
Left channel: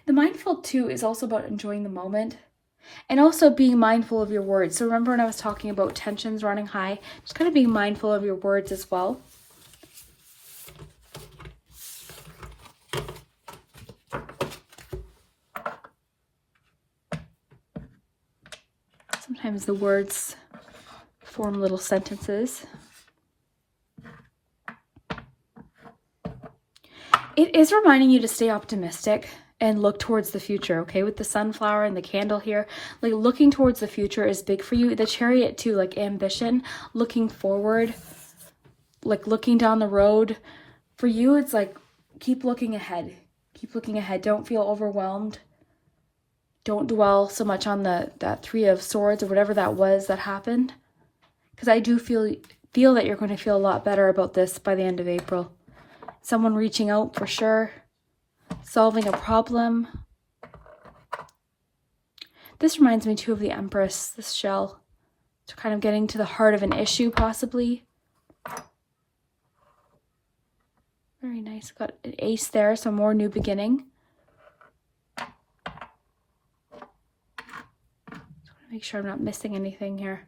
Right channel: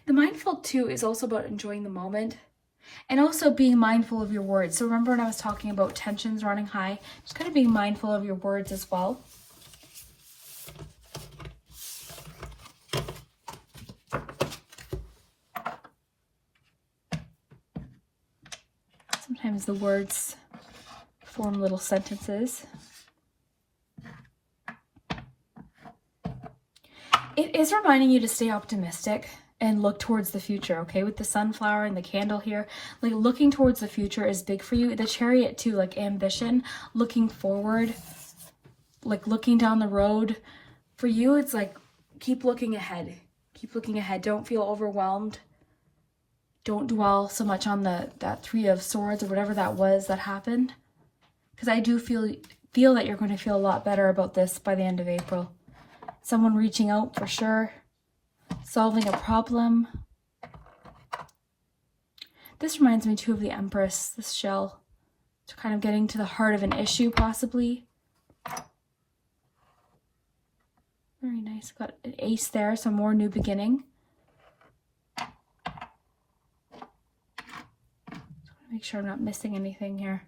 The mindful too is also about enjoying the moment and also being mindful of your words. So remember when I was talking about tensions running high, just kind of being mindful of your words as well. Sometimes the words form little sentences. It is reminding you to stay optimistic and look towards the future, okay? With the sunflower and the candle here, like looking towards the future is big for you. The Chariot too, like ambition, looking forward, like looking down the road. For you, it's like keep looking ahead. Keep looking ahead. Don't feel overwhelmed. Don't dwell so much on that Three of Swords or whatever that was that happened. Because I do feel that you're going to feel a lot better about this by the end of April. Someone reaching out for sure. Solving a problem. This reminds me too of the Empress, this shell. So kind of getting to the heart of an issue possibly. Very nice. Got an ace there, so more new beginning. Make sure I'm not missing anything here.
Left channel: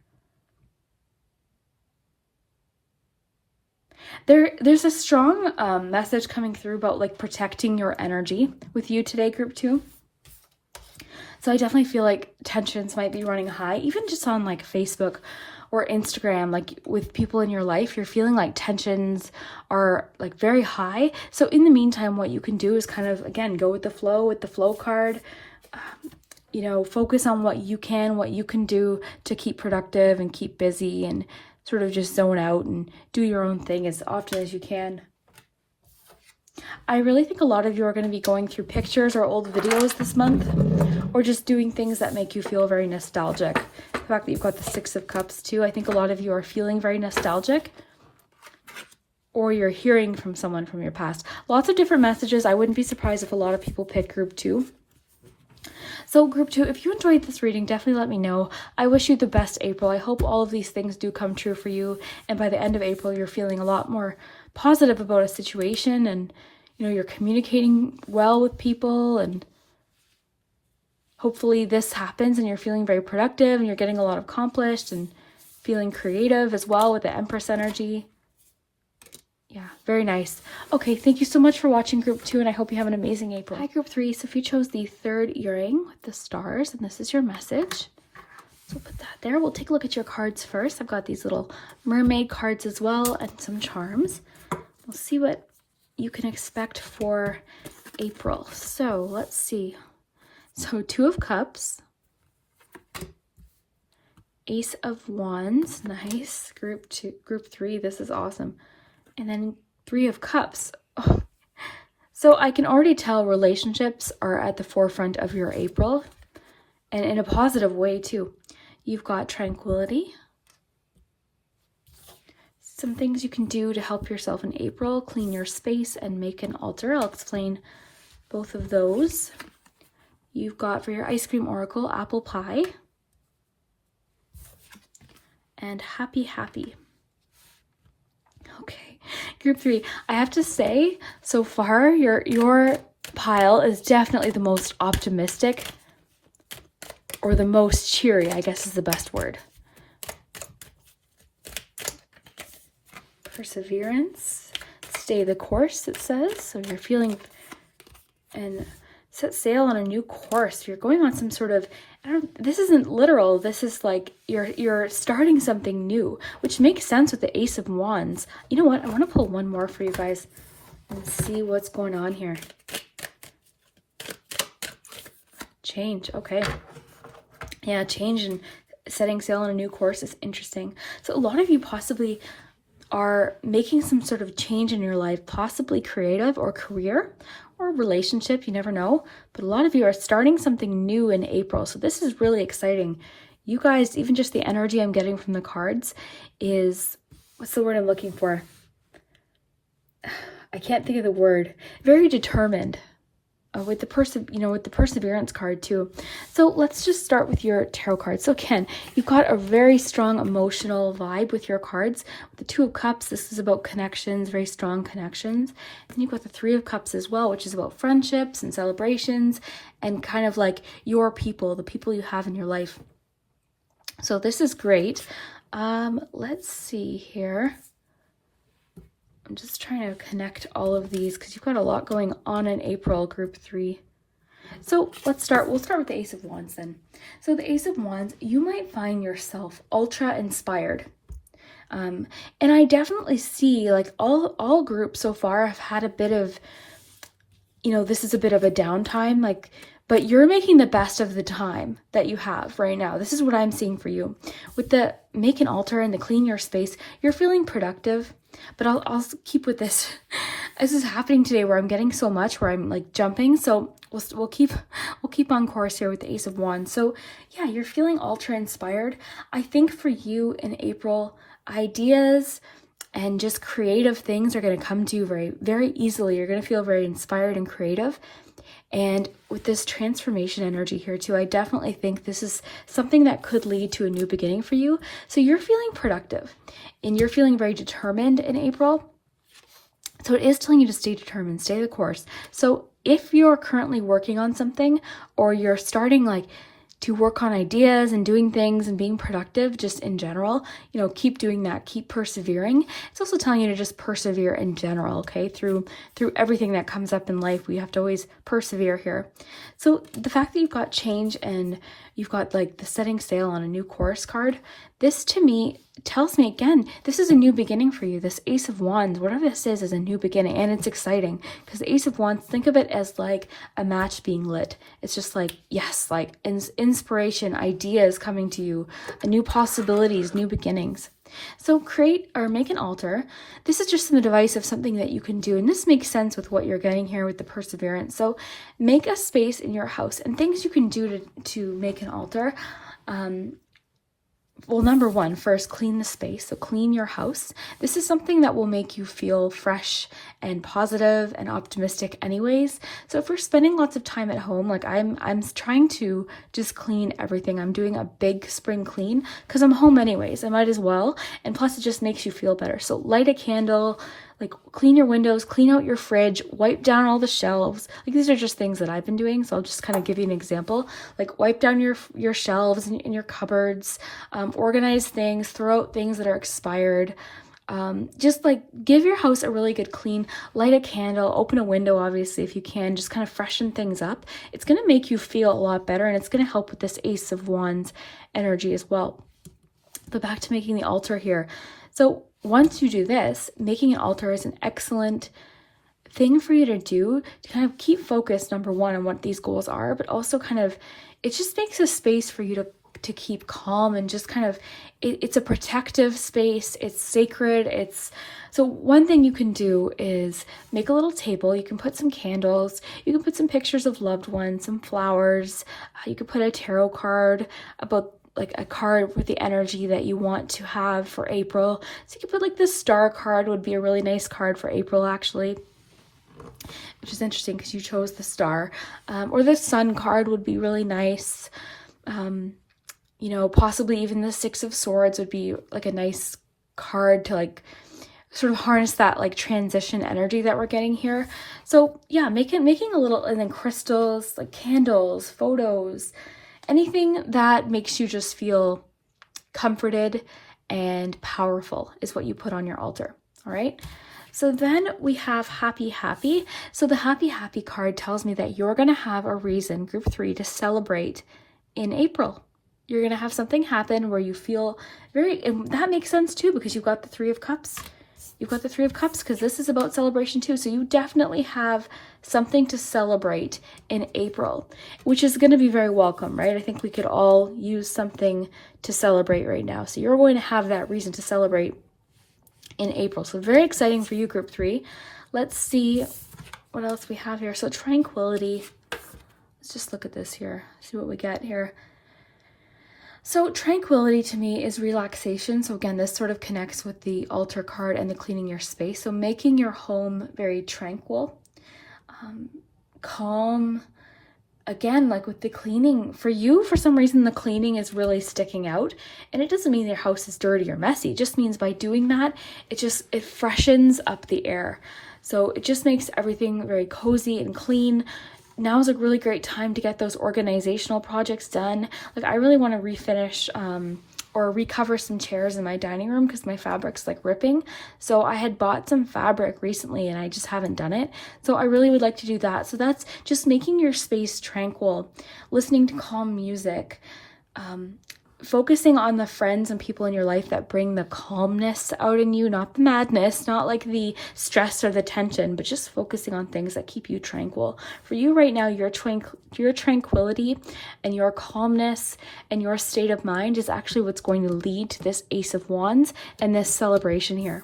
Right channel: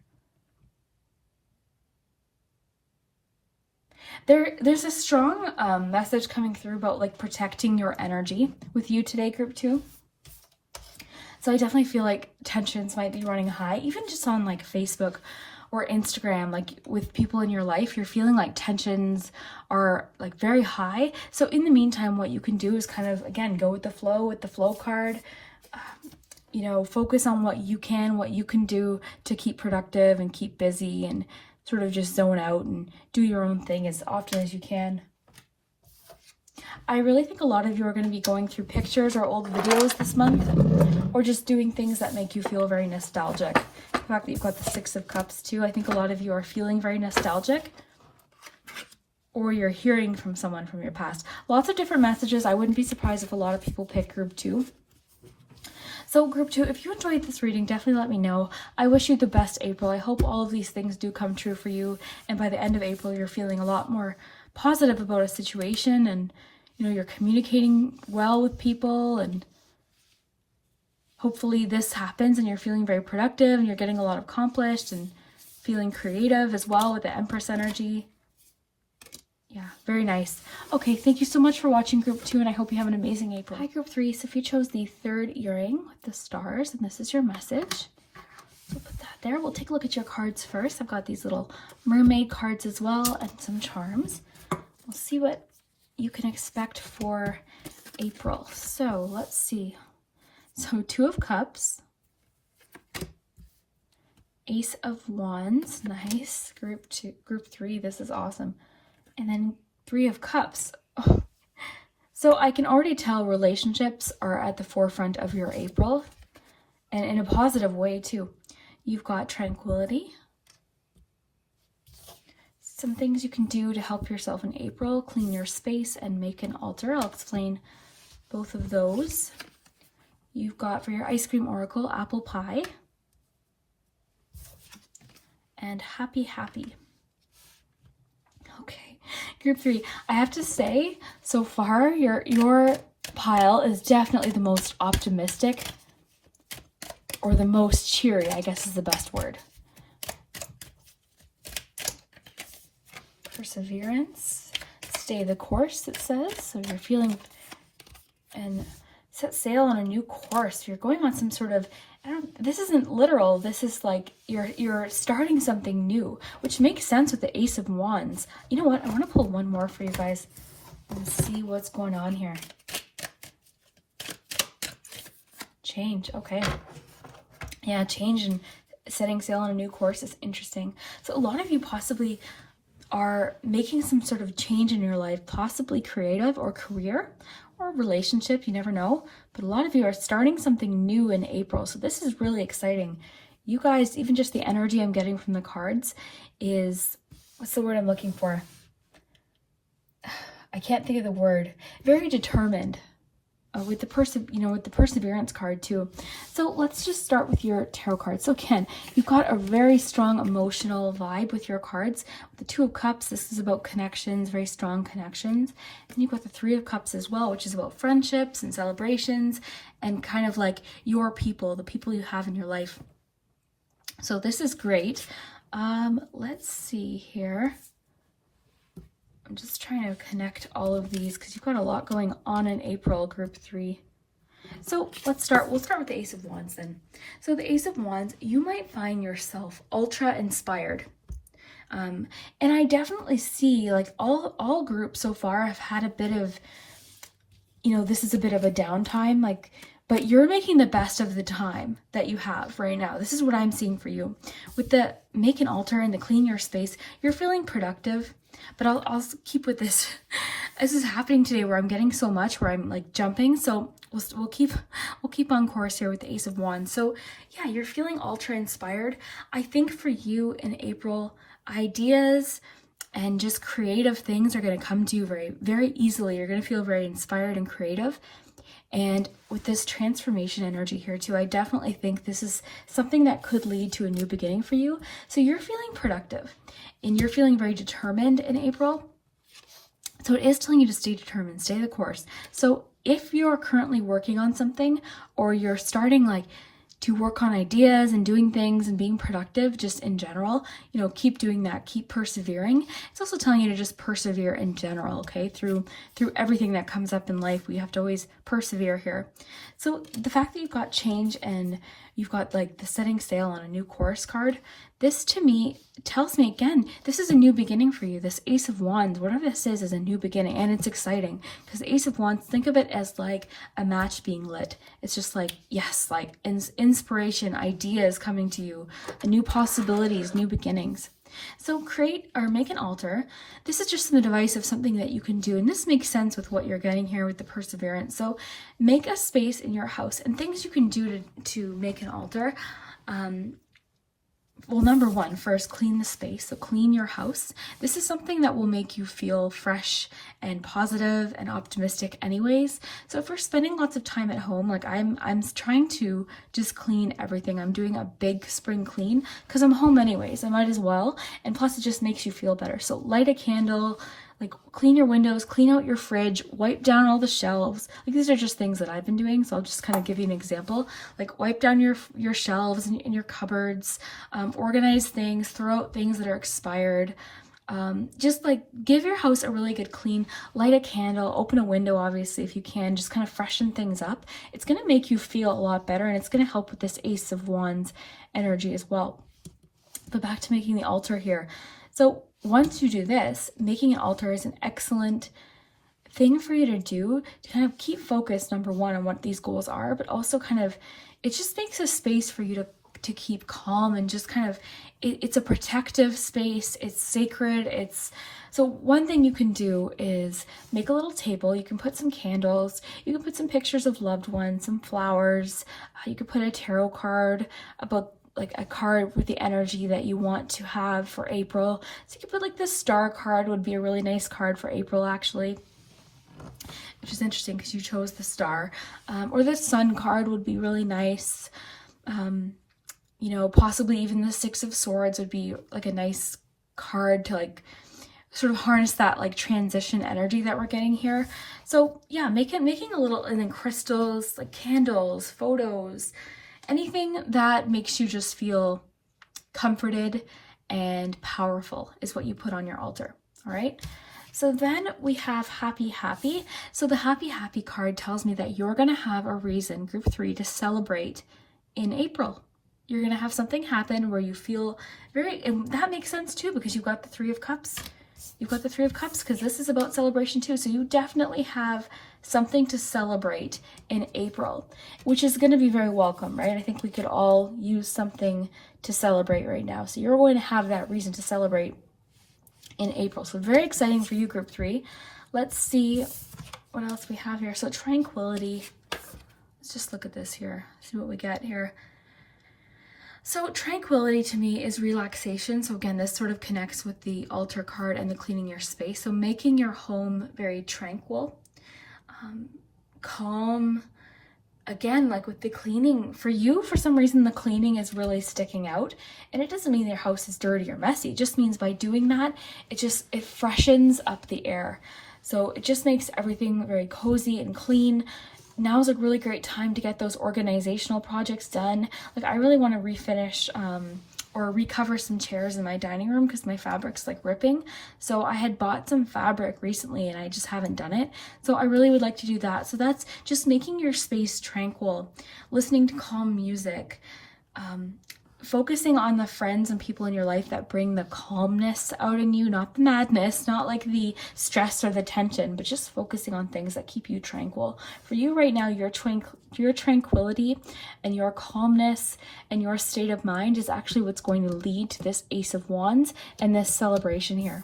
There's a strong message coming through about like protecting your energy with you today, group 2. So I definitely feel like tensions might be running high, even just on like Facebook or Instagram, like with people in your life, you're feeling like tensions are like very high. So in the meantime, what you can do is kind of, again, go with the flow card. You know, focus on what you can do to keep productive and keep busy and sort of just zone out and do your own thing as often as you can. I really think a lot of you are going to be going through pictures or old videos this month, or just doing things that make you feel very nostalgic. The fact that you've got the Six of Cups too, I think a lot of you are feeling very nostalgic, or you're hearing from someone from your past. Lots of different messages. I wouldn't be surprised if a lot of people pick group 2. So group 2, if you enjoyed this reading, definitely let me know. I wish you the best, April. I hope all of these things do come true for you. And by the end of April, you're feeling a lot more positive about a situation, and you know, you're communicating well with people, and hopefully this happens and you're feeling very productive and you're getting a lot accomplished and feeling creative as well with the Empress energy. Yeah, very nice. Okay, thank you so much for watching group 2, and I hope you have an amazing April. Hi, group 3. So if you chose the 3rd earring with the stars, and this is your message. So put that there. We'll take a look at your cards first. I've got these little mermaid cards as well and some charms. We'll see what you can expect for April. So let's see. So 2 of Cups. Ace of Wands. Nice. Group 3. This is awesome. And then 3 of Cups. Oh. So I can already tell relationships are at the forefront of your April, and in a positive way too. You've got tranquility. Some things you can do to help yourself in April: clean your space and make an altar. I'll explain both of those. You've got, for your ice cream oracle, apple pie and happy. Okay, group 3, I have to say, so far, your pile is definitely the most optimistic, or the most cheery, I guess is the best word. Perseverance, stay the course, it says. So you're feeling, and set sail on a new course. You're going on some sort of, this isn't literal. This is like you're starting something new, which makes sense with the Ace of Wands. You know what? I want to pull one more for you guys and see what's going on here. Change. Okay. Yeah, change and setting sail on a new course is interesting. So a lot of you possibly are making some sort of change in your life, possibly creative or career or relationship, you never know. But a lot of you are starting something new in April. So this is really exciting. You guys, even just the energy I'm getting from the cards is, what's the word I'm looking for? I can't think of the word. Very determined. with the perseverance card too. So let's just start with your tarot cards. So again, you've got a very strong emotional vibe with your cards. With the Two of Cups, this is about connections, very strong connections. And you've got the Three of Cups as well, which is about friendships and celebrations and kind of like your people, the people you have in your life. So this is great. Let's see here. I'm just trying to connect all of these because you've got a lot going on in April, group 3. So we'll start with the Ace of Wands then. So the Ace of Wands, you might find yourself ultra inspired. And I definitely see like all groups so far have had a bit of, this is a bit of a downtime, but you're making the best of the time that you have right now. This is what I'm seeing for you. With the make an altar and the clean your space, you're feeling productive. But I'll keep with this. This is happening today where I'm getting so much where I'm like jumping. So we'll keep on course here with the Ace of Wands. So yeah, you're feeling ultra inspired. I think for you in April, ideas and just creative things are going to come to you very, very easily. You're going to feel very inspired and creative. And with this transformation energy here too, I definitely think this is something that could lead to a new beginning for you. So you're feeling productive and you're feeling very determined in April. So it is telling you to stay determined, stay the course. So if you're currently working on something or you're starting to work on ideas and doing things and being productive just in general, keep doing that, keep persevering. It's also telling you to just persevere in general, okay? Through everything that comes up in life, we have to always persevere here. So the fact that you've got change and you've got the setting sail on a new course card, this to me tells me again, this is a new beginning for you. This Ace of Wands, whatever this is a new beginning, and it's exciting because the Ace of Wands, think of it as like a match being lit. It's just yes, inspiration, ideas coming to you, new possibilities, new beginnings. So create or make an altar. This is just some advice of something that you can do. And this makes sense with what you're getting here with the perseverance. So make a space in your house and things you can do to make an altar. Well, number one, first, clean the space. So clean your house. This is something that will make you feel fresh and positive and optimistic anyways. So if we're spending lots of time at home, I'm trying to just clean everything. I'm doing a big spring clean because I'm home anyways. I might as well. And plus it just makes you feel better. So light a candle, clean your windows, clean out your fridge, wipe down all the shelves. These are just things that I've been doing. So I'll just kind of give you an example. Wipe down your shelves and your cupboards, organize things, throw out things that are expired. Just give your house a really good clean, light a candle, open a window, obviously, if you can, just kind of freshen things up. It's going to make you feel a lot better and it's going to help with this Ace of Wands energy as well. But back to making the altar here. So once you do this, making an altar is an excellent thing for you to do to kind of keep focused, number one, on what these goals are, but also it just makes a space for you to keep calm and just it's a protective space. It's sacred. So one thing you can do is make a little table. You can put some candles. You can put some pictures of loved ones, some flowers. You could put a tarot card about a card with the energy that you want to have for April. So you could put this star card would be a really nice card for April actually, which is interesting because you chose the star. Or the sun card would be really nice. Possibly even the Six of Swords would be a nice card to sort of harness that transition energy that we're getting here. So yeah, making a little, and then crystals, candles, photos, anything that makes you just feel comforted and powerful is what you put on your altar. All right. So then we have happy, happy. So the happy, happy card tells me that you're going to have a reason, group 3, to celebrate in April. You're going to have something happen where you feel and that makes sense too, because you've got the Three of Cups. You've got the Three of Cups because this is about celebration too. So you definitely have something to celebrate in April, which is going to be very welcome, right? I think we could all use something to celebrate right now. So you're going to have that reason to celebrate in April. So very exciting for you, group 3. Let's see what else we have here. So tranquility. Let's just look at this here, see what we get here. So tranquility to me is relaxation. So again, this sort of connects with the altar card and the cleaning your space. So making your home very tranquil. calm. Again, like with the cleaning, for you, for some reason, the cleaning is really sticking out. And it doesn't mean your house is dirty or messy. It just means by doing that, it freshens up the air. So it just makes everything very cozy and clean. Now's a really great time to get those organizational projects done. Like I really want to refinish or recover some chairs in my dining room because my fabric's like ripping. So I had bought some fabric recently and I just haven't done it. So I really would like to do that. So that's just making your space tranquil, listening to calm music, focusing on the friends and people in your life that bring the calmness out in you, not the madness, not like the stress or the tension, but just focusing on things that keep you tranquil. For you right now, your tranquility and your calmness and your state of mind is actually what's going to lead to this Ace of Wands and this celebration here.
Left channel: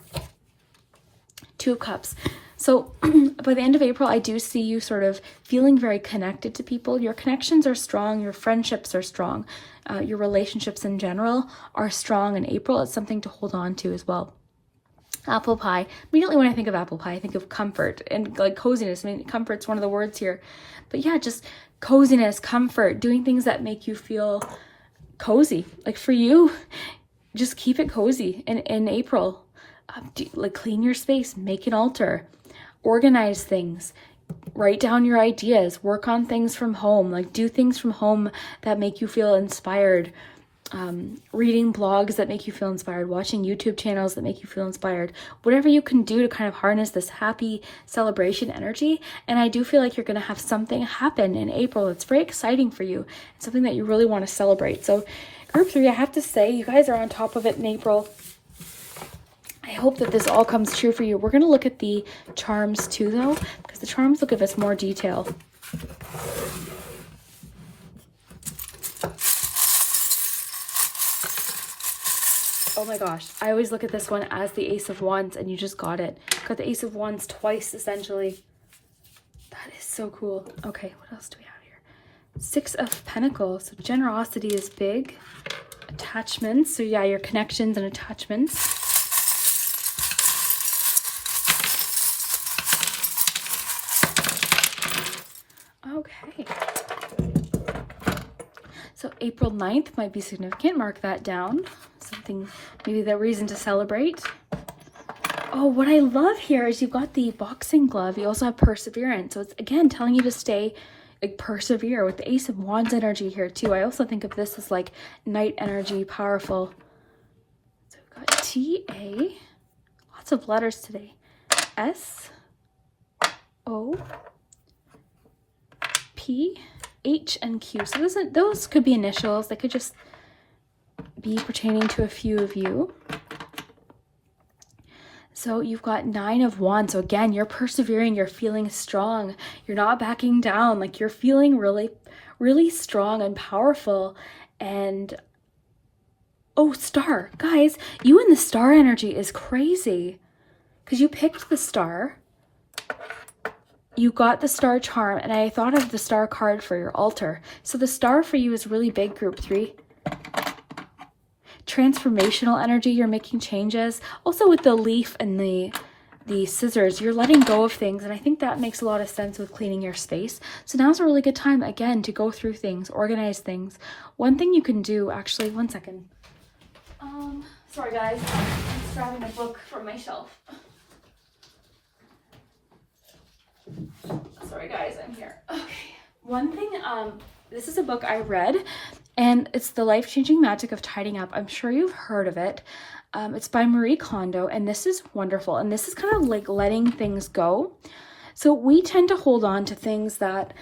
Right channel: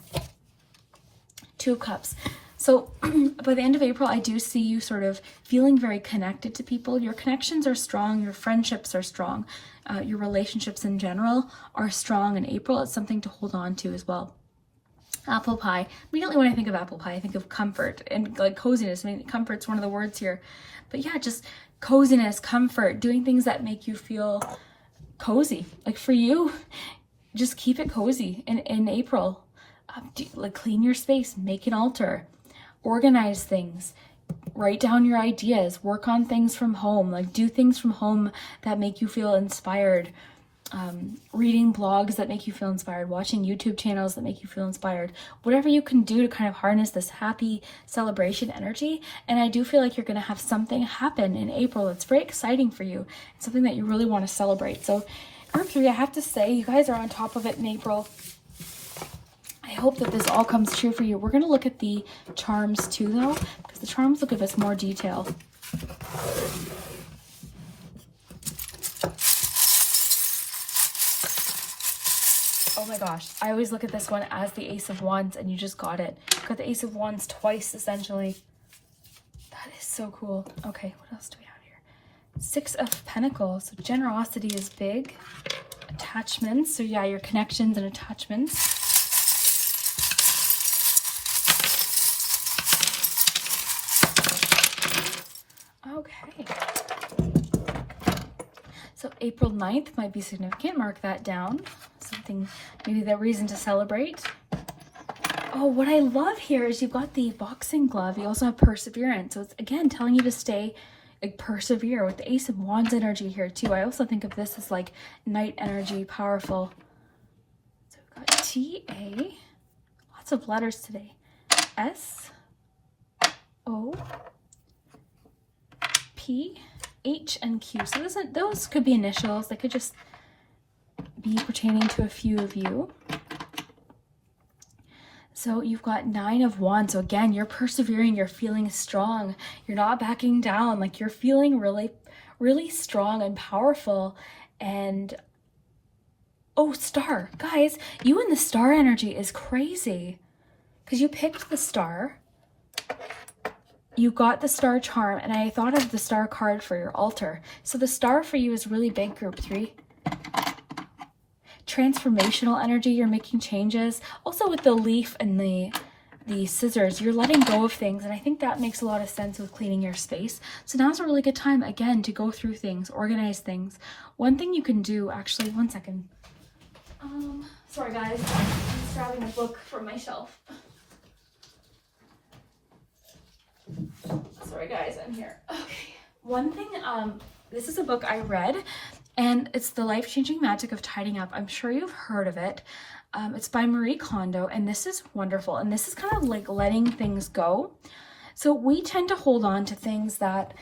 Two of Cups. So by the end of April, I do see you sort of feeling very connected to people. Your connections are strong. Your friendships are strong. Your relationships in general are strong in April. It's something to hold on to as well. Apple pie. Immediately when I think of apple pie, I think of comfort and like coziness. I mean, comfort's one of the words here. But yeah, just coziness, comfort, doing things that make you feel cozy. Like for you, just keep it cozy in April. Like clean your space, make an altar, organize things, write down your ideas, work on things from home, like do things from home that make you feel inspired, reading blogs that make you feel inspired, watching YouTube channels that make you feel inspired, whatever you can do to kind of harness this happy celebration energy. And I do feel like you're going to have something happen in April that's very exciting for you, something that you really want to celebrate. So group 3, I have to say, you guys are on top of it in April. I hope that this all comes true for you. We're going to look at the charms too, though, because the charms will give us more detail. Oh my gosh. I always look at this one as the Ace of Wands, and you just got it. Got the Ace of Wands twice, essentially. That is so cool. Okay, what else do we have here? 6 of Pentacles. So generosity is big. Attachments. So yeah, your connections and attachments. Okay. So April 9th might be significant. Mark that down. Something, maybe the reason to celebrate. Oh, what I love here is you've got the boxing glove. You also have perseverance. So it's, again, telling you to stay, like, persevere with the Ace of Wands energy here, too. I also think of this as, like, night energy, powerful. So we've got T-A. Lots of letters today. S. O. P, H, and Q. So those could be initials. They could just be pertaining to a few of you. So you've got 9 of Wands. So again, you're persevering. You're feeling strong. You're not backing down. Like you're feeling really, really strong and powerful. And oh, star. Guys, you and the star energy is crazy because you picked the star. You got the star charm, and I thought of the star card for your altar. So the star for you is really big, group 3. Transformational energy, you're making changes. Also with the leaf and the scissors, you're letting go of things, and I think that makes a lot of sense with cleaning your space. So now's a really good time, again, to go through things, organize things. One thing you can do, actually, one second. Sorry guys, I'm just grabbing a book from my shelf. Sorry guys, I'm here. Okay. One thing, this is a book I read, and it's The Life-Changing Magic of Tidying Up. I'm sure you've heard of it. It's by Marie Kondo, and this is wonderful. And this is kind of like letting things go. So we tend to hold on to things that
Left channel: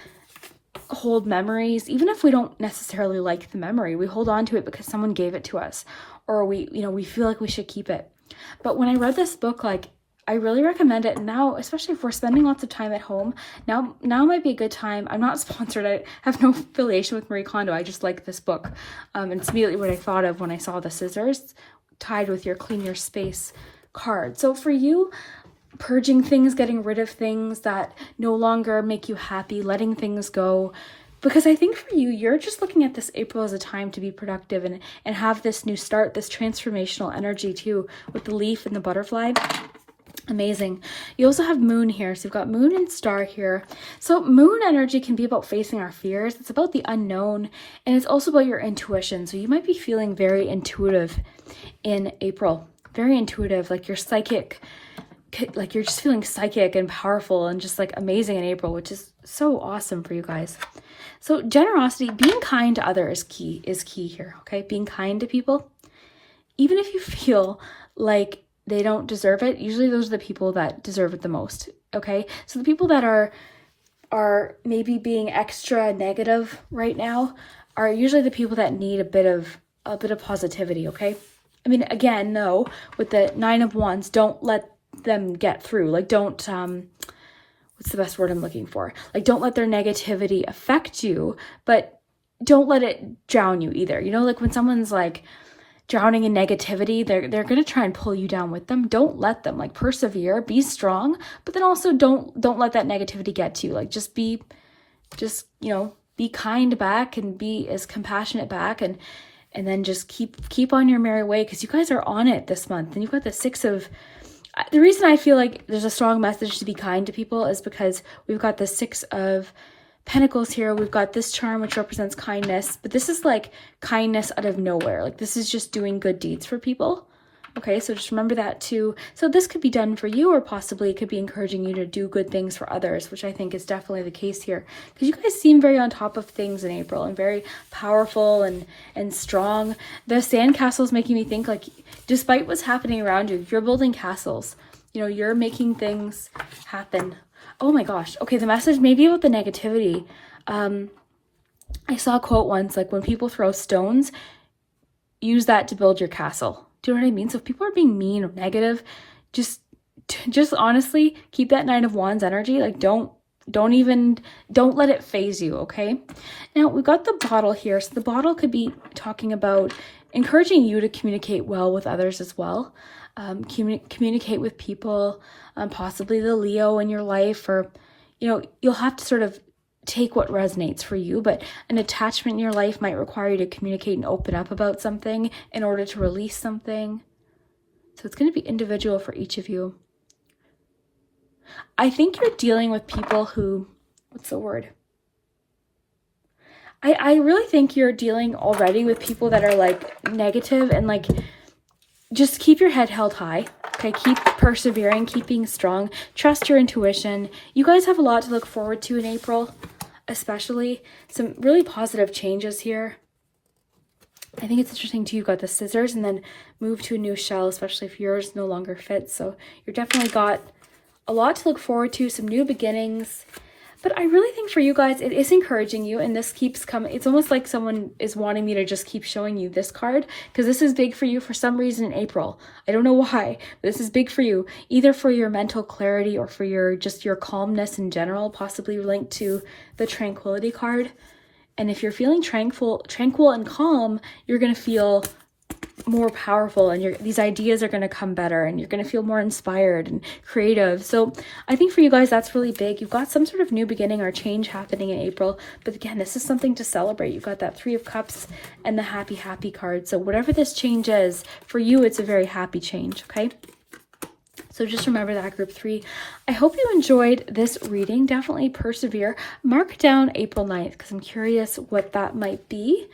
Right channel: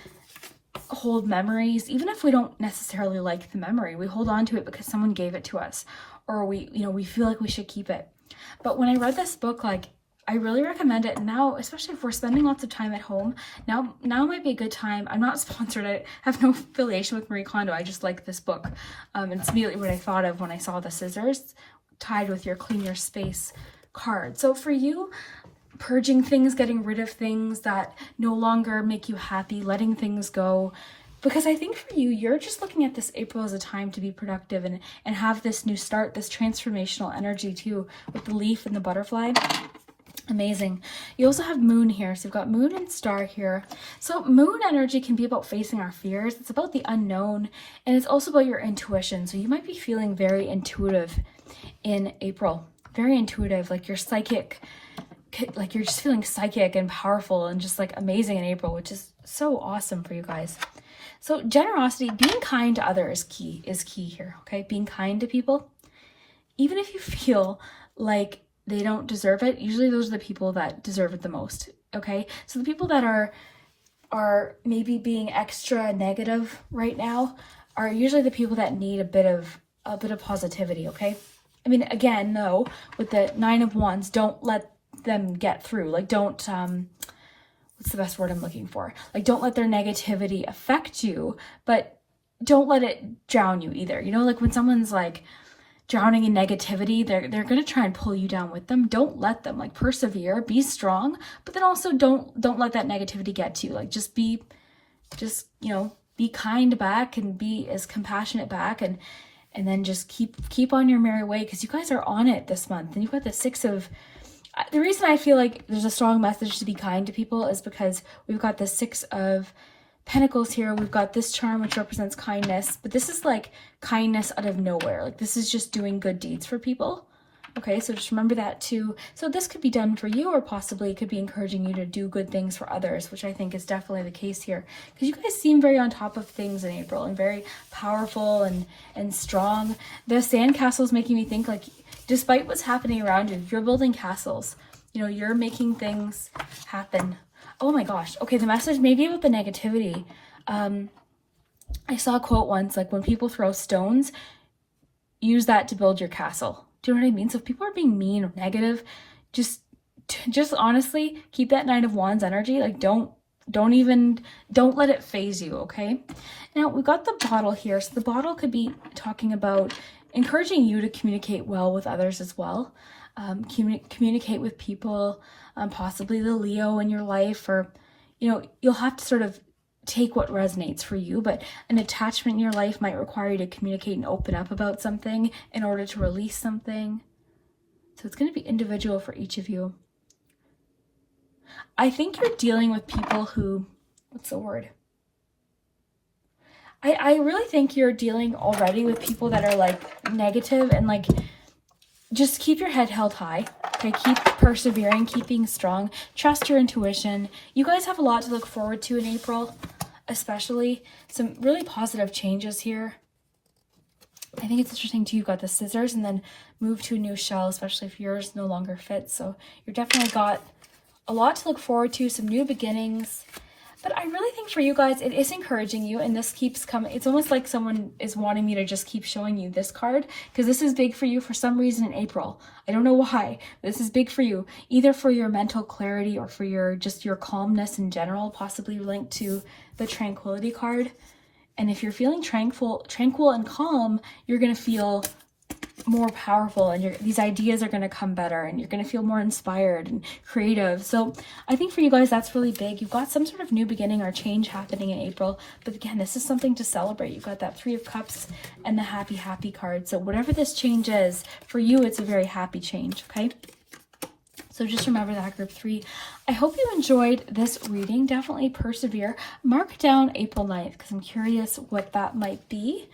hold memories, even if we don't necessarily like the memory. We hold on to it because someone gave it to us, or we feel like we should keep it. But when I read this book, like, I really recommend it now, especially if we're spending lots of time at home. Now might be a good time. I'm not sponsored. I have no affiliation with Marie Kondo. I just like this book. And it's immediately what I thought of when I saw the scissors tied with your clean your space card. So for you, purging things, getting rid of things that no longer make you happy, letting things go. Because I think for you, you're just looking at this April as a time to be productive and have this new start, this transformational energy too, with the leaf and the butterfly. Amazing. You also have moon here. So you've got moon and star here. So moon energy can be about facing our fears. It's about the unknown, and it's also about your intuition. So you might be feeling very intuitive in April. Very intuitive, like you're psychic, like you're just feeling psychic and powerful and just like amazing in April, which is so awesome for you guys. So generosity, being kind to others is key here, okay? Being kind to people, even if you feel like they don't deserve it, usually those are the people that deserve it the most, okay? So the people that are maybe being extra negative right now are usually the people that need a bit of positivity, okay? I mean, again, no, with the 9 of Wands, don't let them get through. Like, don't, what's the best word I'm looking for? Like, don't let their negativity affect you, but don't let it drown you either. You know, like when someone's like drowning in negativity, they're going to try and pull you down with them. Don't let them, like, persevere, be strong, but then also don't let that negativity get to you. Like, you know, be kind back and be as compassionate back, and then just keep on your merry way, because you guys are on it this month. And you've got the reason I feel like there's a strong message to be kind to people is because we've got the 6 of Pentacles here. We've got this charm, which represents kindness, but this is like kindness out of nowhere. Like, this is just doing good deeds for people. Okay, so just remember that too. So this could be done for you, or possibly it could be encouraging you to do good things for others, which I think is definitely the case here. Because you guys seem very on top of things in April and very powerful and strong. The sandcastle is making me think, like, despite what's happening around you, you're building castles. You know, you're making things happen. Oh my gosh. Okay, the message maybe about the negativity. I saw a quote once, like, when people throw stones, use that to build your castle. Do you know what I mean? So if people are being mean or negative, just honestly keep that 9 of Wands energy. Like, don't let it phase you, okay? Now we've got the bottle here. So the bottle could be talking about encouraging you to communicate well with others as well. Communicate with people, possibly the Leo in your life, or, you know, you'll have to sort of take what resonates for you, but an attachment in your life might require you to communicate and open up about something in order to release something. So it's going to be individual for each of you. I think you're dealing with people who, what's the word? I really think you're dealing already with people that are like negative, and like, just keep your head held high. Okay, keep persevering, keep being strong, trust your intuition. You guys have a lot to look forward to in April, especially some really positive changes here. I think it's interesting too, you've got the scissors and then move to a new shell, especially if yours no longer fits. So you're definitely got a lot to look forward to, some new beginnings. But I really think for you guys, it is encouraging you, and this keeps coming. It's almost like someone is wanting me to just keep showing you this card, because this is big for you for some reason in April. I don't know why, but this is big for you, either for your mental clarity or for your calmness in general, possibly linked to the tranquility card. And if you're feeling tranquil and calm, you're going to feel more powerful, and these ideas are going to come better, and you're going to feel more inspired and creative. So I think for you guys, that's really big. You've got some sort of new beginning or change happening in April, but again, this is something to celebrate. You've got that 3 of Cups and the happy card. So whatever this change is for you, it's a very happy change. Okay, so just remember that, group 3. I hope you enjoyed this reading. Definitely persevere. Mark down April 9th, because I'm curious what that might be.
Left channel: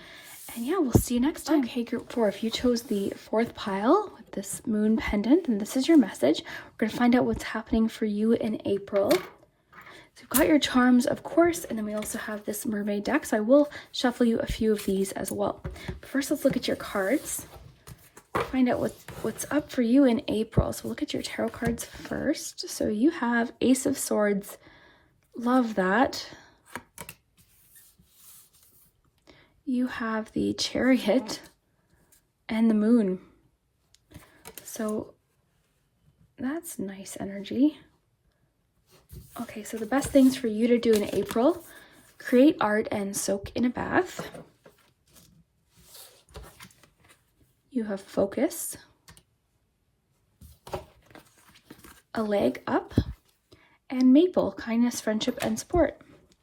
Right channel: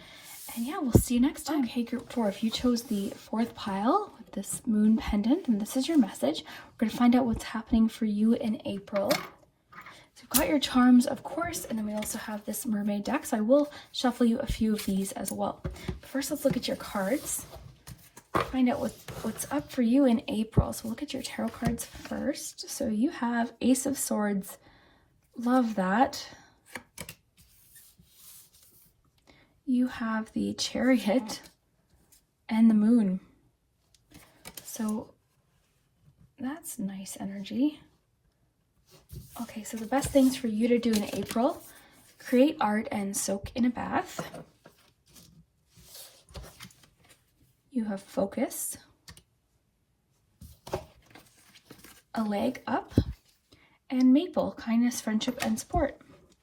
And yeah, we'll see you next time. Okay, group 4, if you chose the 4th pile with this moon pendant, then this is your message. We're going to find out what's happening for you in April. So you've got your charms, of course, and then we also have this mermaid deck. So I will shuffle you a few of these as well. But first, let's look at your cards. Find out what's up for you in April. So we'll look at your tarot cards first. So you have Ace of Swords. Love that. You have the Chariot and the Moon. So that's nice energy. Okay, so the best things for you to do in April: create art and soak in a bath. You have Focus, a leg up, and Maple, kindness, friendship, and support.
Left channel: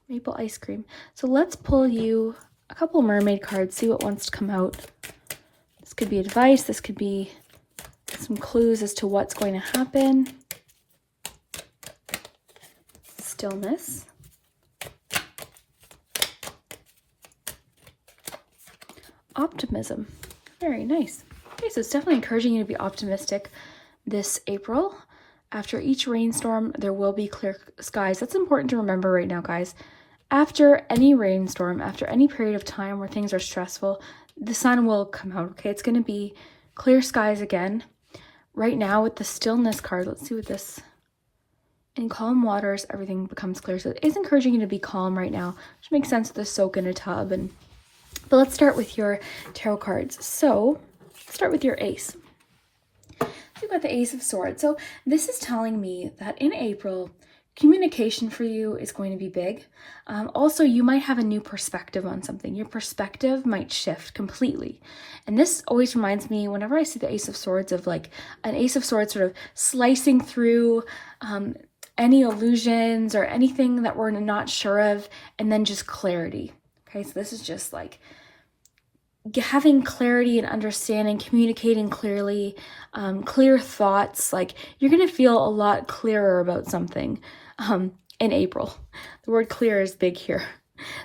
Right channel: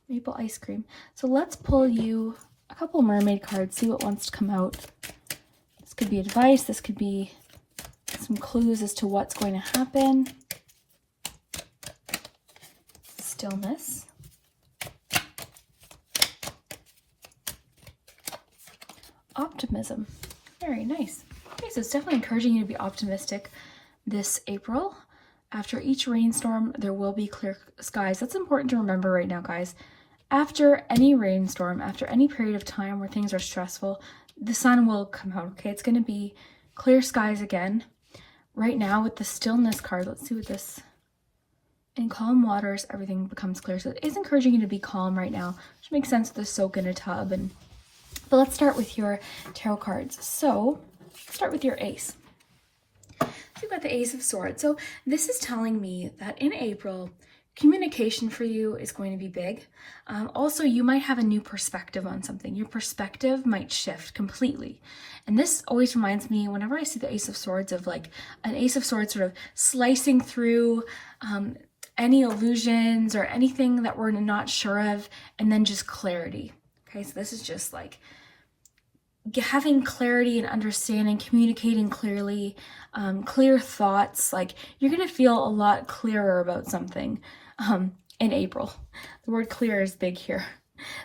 Maple ice cream. So let's pull you a couple mermaid cards, see what wants to come out. This could be advice, this could be some clues as to what's going to happen. stillness. Optimism. Very nice. Okay, so it's definitely encouraging you to be optimistic this April. After each rainstorm, there will be clear skies. That's important to remember right now, guys. After any rainstorm, after any period of time where things are stressful, the sun will come out, okay? It's going to be clear skies again. Right now with the stillness card, let's see what this... In calm waters, everything becomes clear. So it is encouraging you to be calm right now, which makes sense with the soak in a tub. But let's start with your tarot cards. So start with your ace. So you've got the Ace of Swords. So this is telling me that in April, communication for you is going to be big. Also, you might have a new perspective on something. Your perspective might shift completely. And this always reminds me, whenever I see the Ace of Swords, of like an Ace of Swords sort of slicing through any illusions or anything that we're not sure of, and then just clarity. Okay, so this is just like having clarity and understanding, communicating clearly, clear thoughts. Like you're going to feel a lot clearer about something in April. The word clear is big here.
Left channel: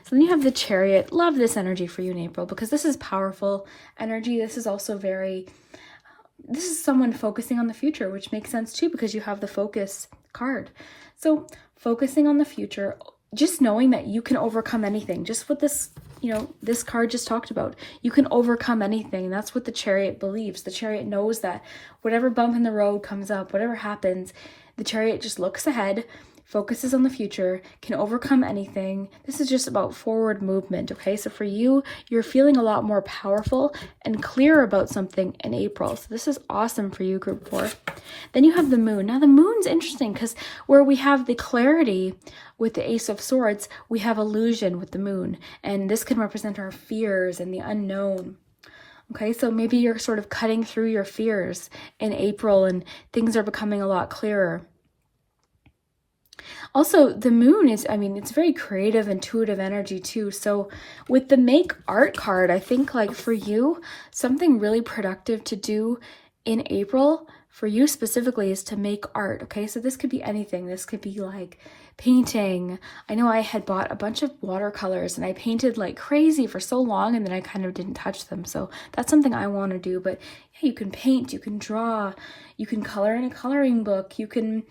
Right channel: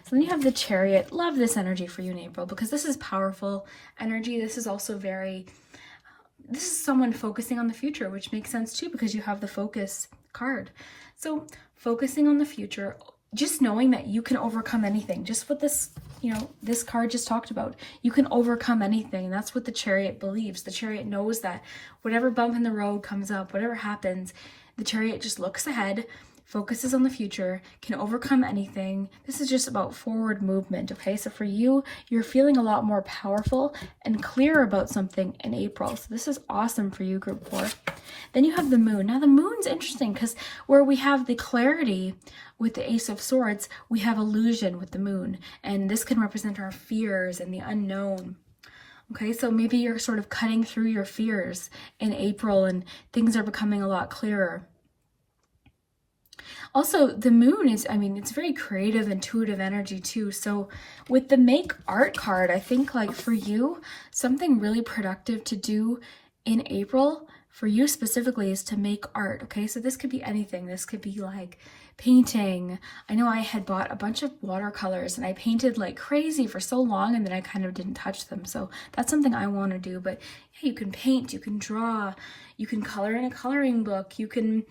So then you have the Chariot. Love this energy for you in April because this is powerful energy. This is also this is someone focusing on the future, which makes sense too because you have the focus card. So focusing on the future, just knowing that you can overcome anything, just what this, this card just talked about. You can overcome anything. That's what the Chariot believes. The Chariot knows that whatever bump in the road comes up, whatever happens, the Chariot just looks ahead, focuses on the future, can overcome anything. This is just about forward movement, okay? So for you, you're feeling a lot more powerful and clear about something in April. So this is awesome for you, Group 4. Then you have the Moon. Now the Moon's interesting because where we have the clarity with the Ace of Swords, we have illusion with the Moon. And this can represent our fears and the unknown. Okay, so maybe you're sort of cutting through your fears in April and things are becoming a lot clearer. Also, the Moon is, it's very creative, intuitive energy too. So with the Make Art card, I think like for you, something really productive to do in April for you specifically is to make art. Okay, so this could be anything. This could be like painting. I know I had bought a bunch of watercolors and I painted like crazy for so long and then I kind of didn't touch them. So that's something I want to do. But yeah, you can paint, you can draw, you can color in a coloring book, you can...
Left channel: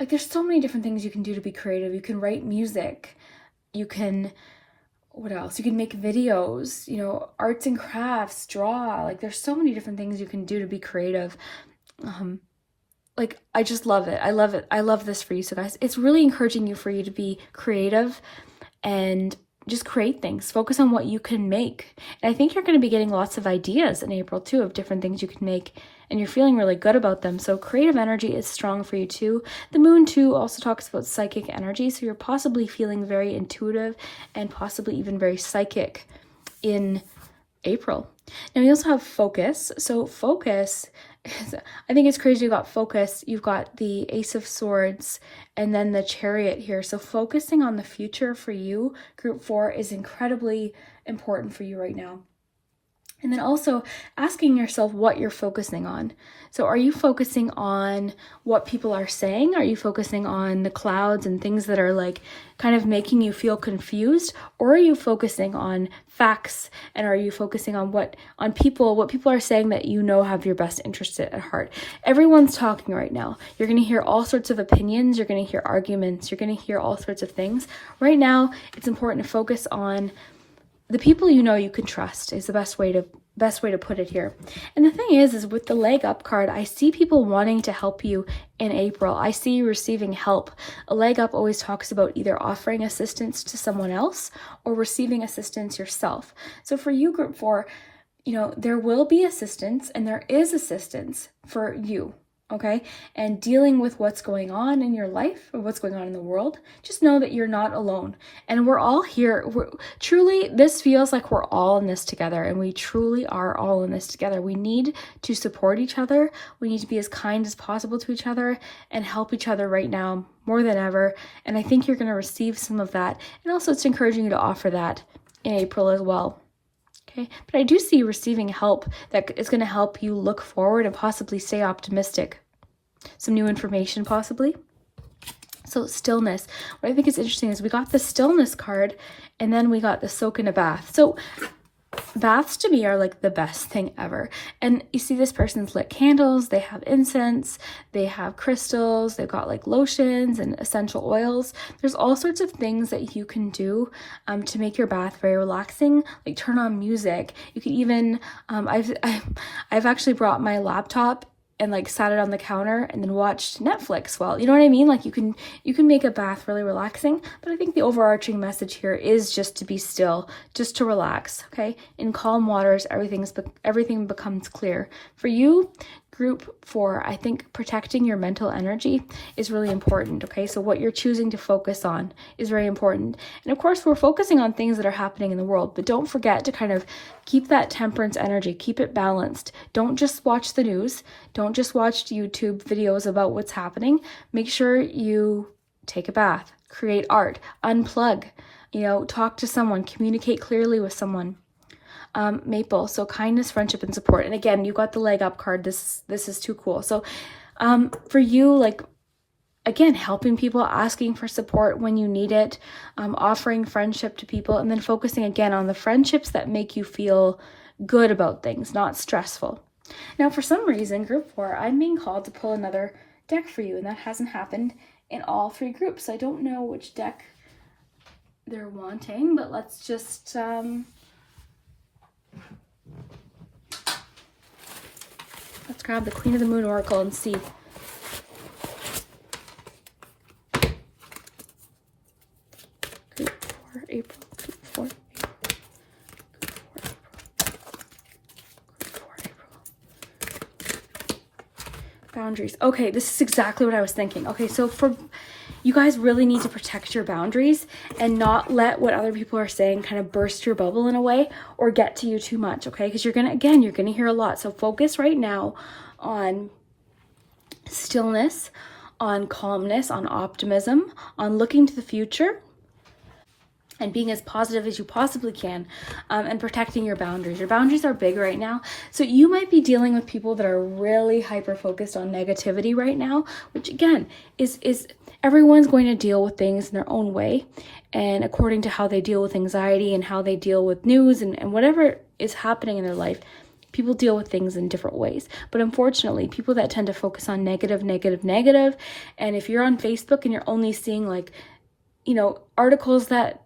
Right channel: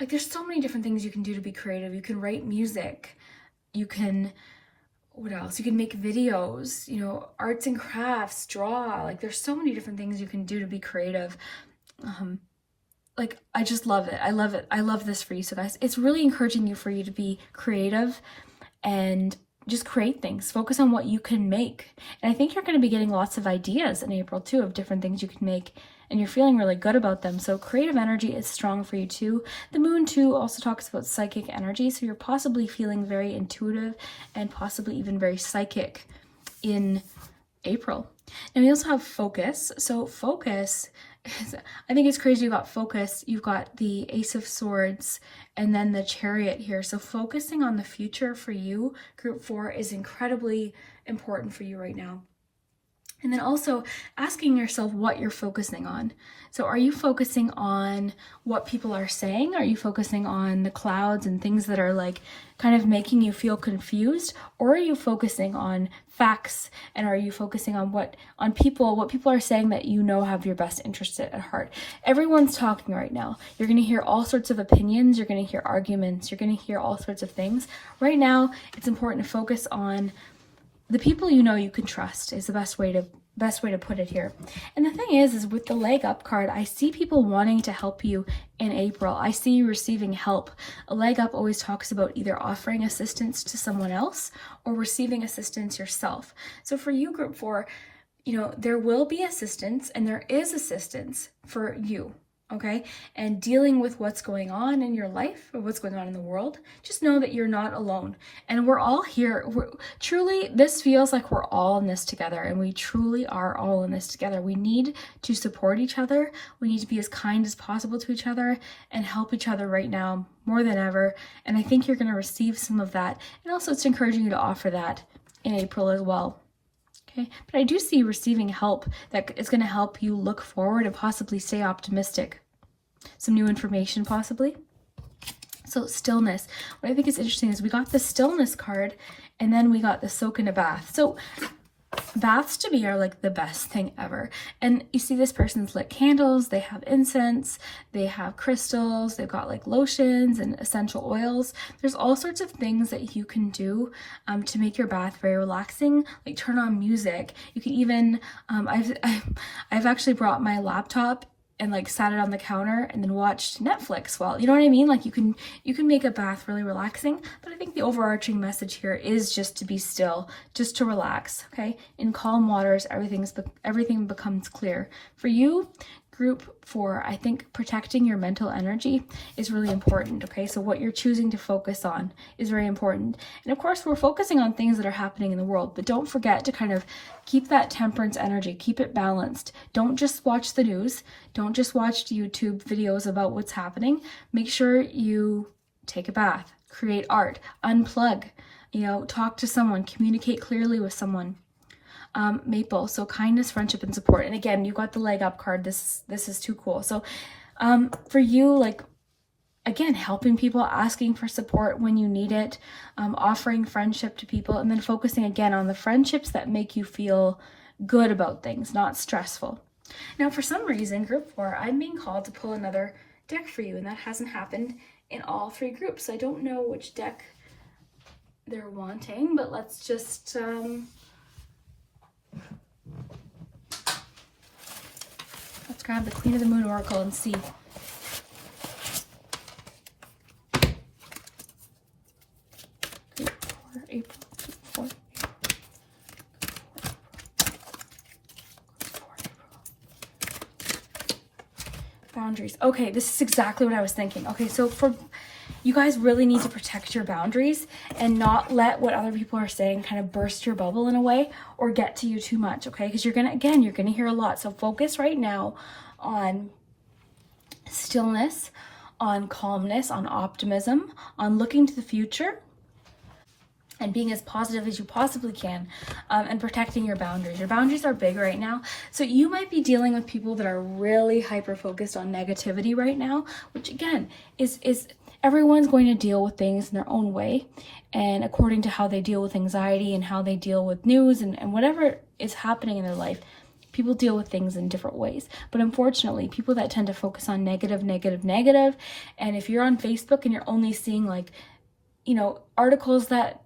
like there's so many different things you can do to be creative. You can write music. You can, what else? You can make videos, arts and crafts, draw. Like there's so many different things you can do to be creative. Like I just love it. I love it. I love this for you. So guys, it's really encouraging for you to be creative and just create things. Focus on what you can make. And I think you're going to be getting lots of ideas in April too of different things you can make. And you're feeling really good about them. So creative energy is strong for you too. The Moon too also talks about psychic energy. So you're possibly feeling very intuitive and possibly even very psychic in April. And we also have focus. So focus is, I think it's crazy you got focus. You've got the Ace of Swords and then the Chariot here. So focusing on the future for you, Group 4, is incredibly important for you right now. And then also asking yourself what you're focusing on. So are you focusing on what people are saying? Are you focusing on the clouds and things that are like kind of making you feel confused? Or are you focusing on facts? And are you focusing on what people are saying that have your best interest at heart? Everyone's talking right now. You're going to hear all sorts of opinions. You're going to hear arguments. You're going to hear all sorts of things. Right now, it's important to focus on the people you can trust is the best way to put it here. And the thing is with the Leg Up card, I see people wanting to help you in April. I see you receiving help. A leg up always talks about either offering assistance to someone else or receiving assistance yourself. So for you, Group 4, there will be assistance and there is assistance for you. Okay, and dealing with what's going on in your life or what's going on in the world, just know that you're not alone. And we're all here. Truly, this feels like we're all in this together, and we truly are all in this together. We need to support each other. We need to be as kind as possible to each other and help each other right now more than ever. And I think you're going to receive some of that. And also, it's encouraging you to offer that in April as well. Okay, but I do see you receiving help that is going to help you look forward and possibly stay optimistic. Some new information possibly. So stillness. What I think is interesting is we got the stillness card and then we got the soak in a bath. So baths to me are like the best thing ever. And you see this person's lit candles, they have incense, they have crystals, they've got like lotions and essential oils. There's all sorts of things that you can do to make your bath very relaxing, like turn on music. You can even, I've actually brought my laptop and like sat it on the counter and then watched Netflix while, you know what I mean? Like you can make a bath really relaxing, but I think the overarching message here is just to be still, just to relax, okay? In calm waters, everything becomes clear. For you, group 4, I think protecting your mental energy is really important, okay? So what you're choosing to focus on is very important. And of course, we're focusing on things that are happening in the world, but don't forget to kind of keep that temperance energy, keep it balanced. Don't just watch the news. Don't just watch YouTube videos about what's happening. Make sure you take a bath, create art, unplug, talk to someone, communicate clearly with someone. Maple, so kindness, friendship, and support. And again, you got the leg up card. This is too cool. So for you, like, again, helping people, asking for support when you need it, offering friendship to people, and then focusing again on the friendships that make you feel good about things, not stressful. Now, for some reason, group 4, I'm being called to pull another deck for you, and that hasn't happened in all 3 groups. I don't know which deck they're wanting, but let's just let's grab the Queen of the Moon Oracle and see. Group 4, April. Group 4, April. Boundaries. Okay, this is exactly what I was thinking. Okay, so you guys really need to protect your boundaries and not let what other people are saying kind of burst your bubble in a way or get to you too much, okay? Because you're gonna hear a lot. So focus right now on stillness, on calmness, on optimism, on looking to the future and being as positive as you possibly can, and protecting your boundaries. Your boundaries are big right now. So you might be dealing with people that are really hyper-focused on negativity right now, which again is everyone's going to deal with things in their own way and according to how they deal with anxiety and how they deal with news and whatever is happening in their life. People deal with things in different ways. But unfortunately, people that tend to focus on negative, and if you're on Facebook and you're only seeing like, articles that,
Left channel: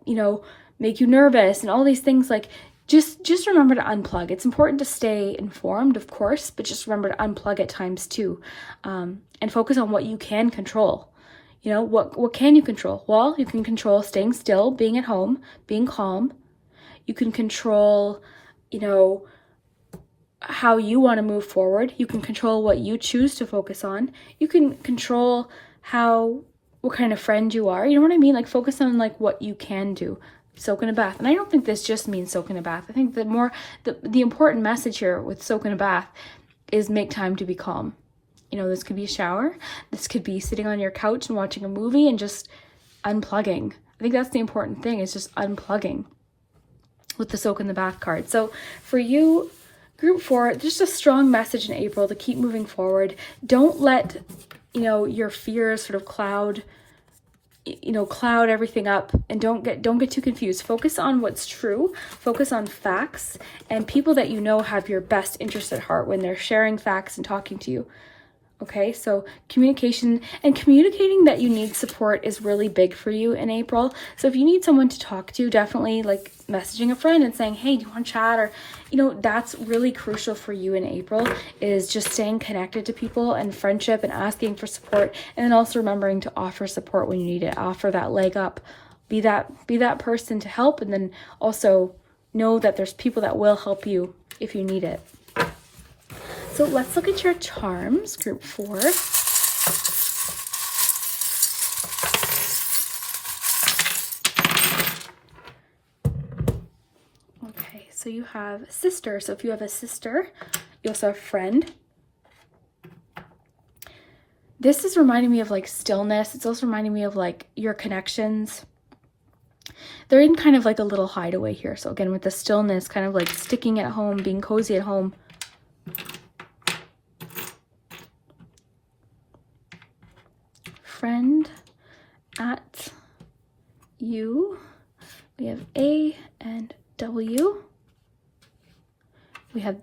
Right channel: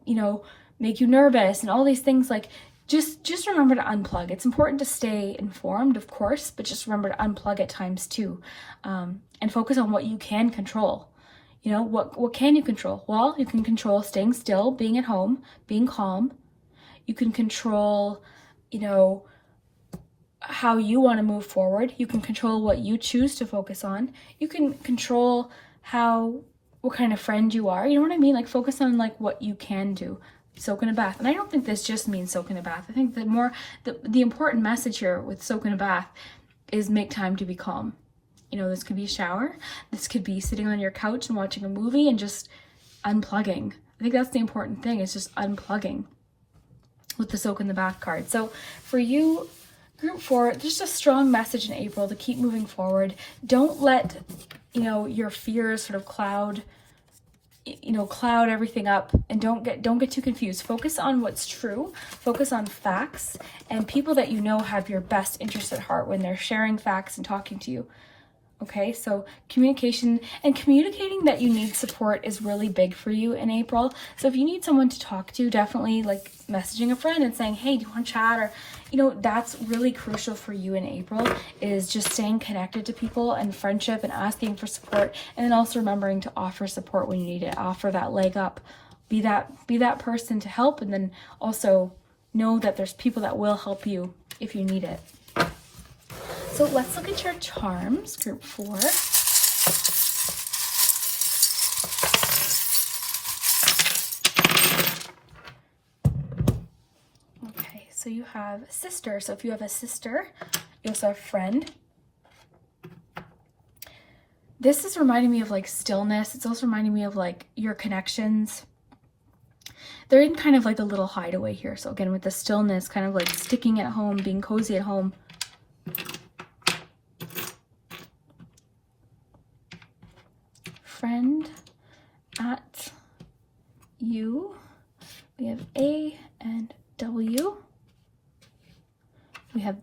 make you nervous and all these things, like just remember to unplug. It's important to stay informed, of course, but just remember to unplug at times too, and focus on what you can control. What can you control? Well, you can control staying still, being at home, being calm. You can control, how you want to move forward. You can control what you choose to focus on. You can control what kind of friend you are. You know what I mean? Like focus on like what you can do. Soak in a bath. And I don't think this just means soak in a bath. I think the important message here with soak in a bath is make time to be calm. This could be a shower. This could be sitting on your couch and watching a movie and just unplugging. I think that's the important thing, is just unplugging with the soak in the bath card. So for you, group 4, just a strong message in April to keep moving forward. Don't let, your fears sort of cloud everything up, and don't get too confused. Focus on what's true, focus on facts, and people that have your best interest at heart when they're sharing facts and talking to you. Okay, so communicating that you need support is really big for you in April. So if you need someone to talk to, definitely like messaging a friend and saying, hey, do you want to chat? Or, that's really crucial for you in April, is just staying connected to people and friendship and asking for support. And then also remembering to offer support when you need it, offer that leg up, be that person to help. And then also know that there's people that will help you if you need it. So let's look at your charms, group 4. Okay, so you have sister. So if you have a sister, you also have a friend. This is reminding me of like stillness. It's also reminding me of like your connections. They're in kind of like a little hideaway here. So again, with the stillness, kind of like sticking at home, being cozy at home. Friend,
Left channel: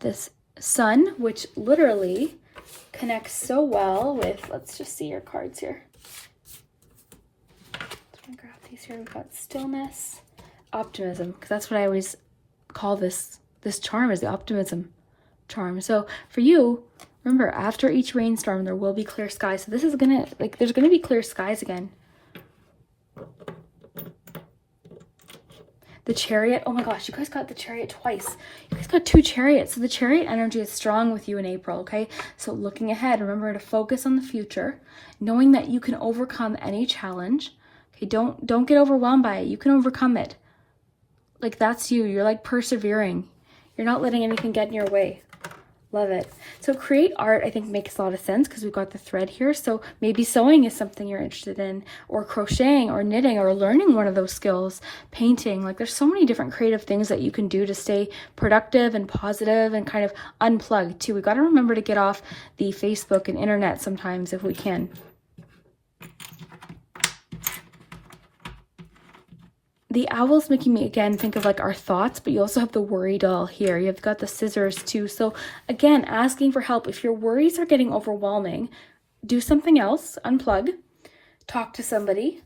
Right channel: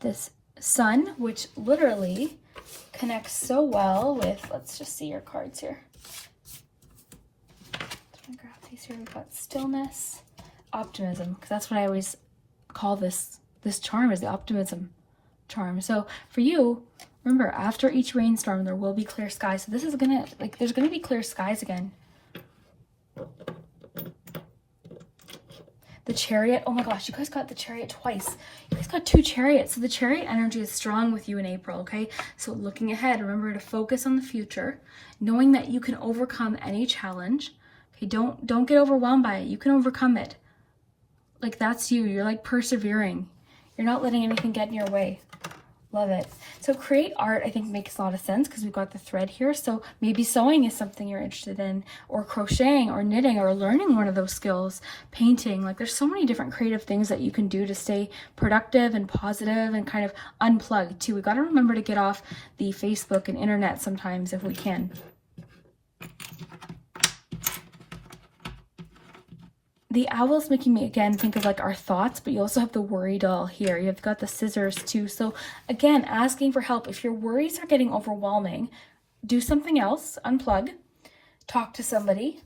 this sun, which literally connects so well with, let's just see your cards here. I'm gonna grab these here. We've got stillness, optimism, because that's what I always call this charm, is the optimism charm. So for you, remember, after each rainstorm, there will be clear skies. So this is gonna, like, there's gonna be clear skies again. The Chariot, oh my gosh, you guys got the Chariot twice. You guys got 2 Chariots. So the Chariot energy is strong with you in April, okay? So looking ahead, remember to focus on the future, knowing that you can overcome any challenge. Okay, don't get overwhelmed by it. You can overcome it. Like, that's you. You're like persevering. You're not letting anything get in your way. Love it. So create art, I think, makes a lot of sense because we've got the thread here. So maybe sewing is something you're interested in, or crocheting or knitting or learning one of those skills, painting. Like, there's so many different creative things that you can do to stay productive and positive and kind of unplugged too. We got to remember to get off the Facebook and internet sometimes if we can. The owl's making me, again, think of like our thoughts, but you also have the worry doll here. You've got the scissors too. So again, asking for help. If your worries are getting overwhelming, do something else, unplug, talk to somebody,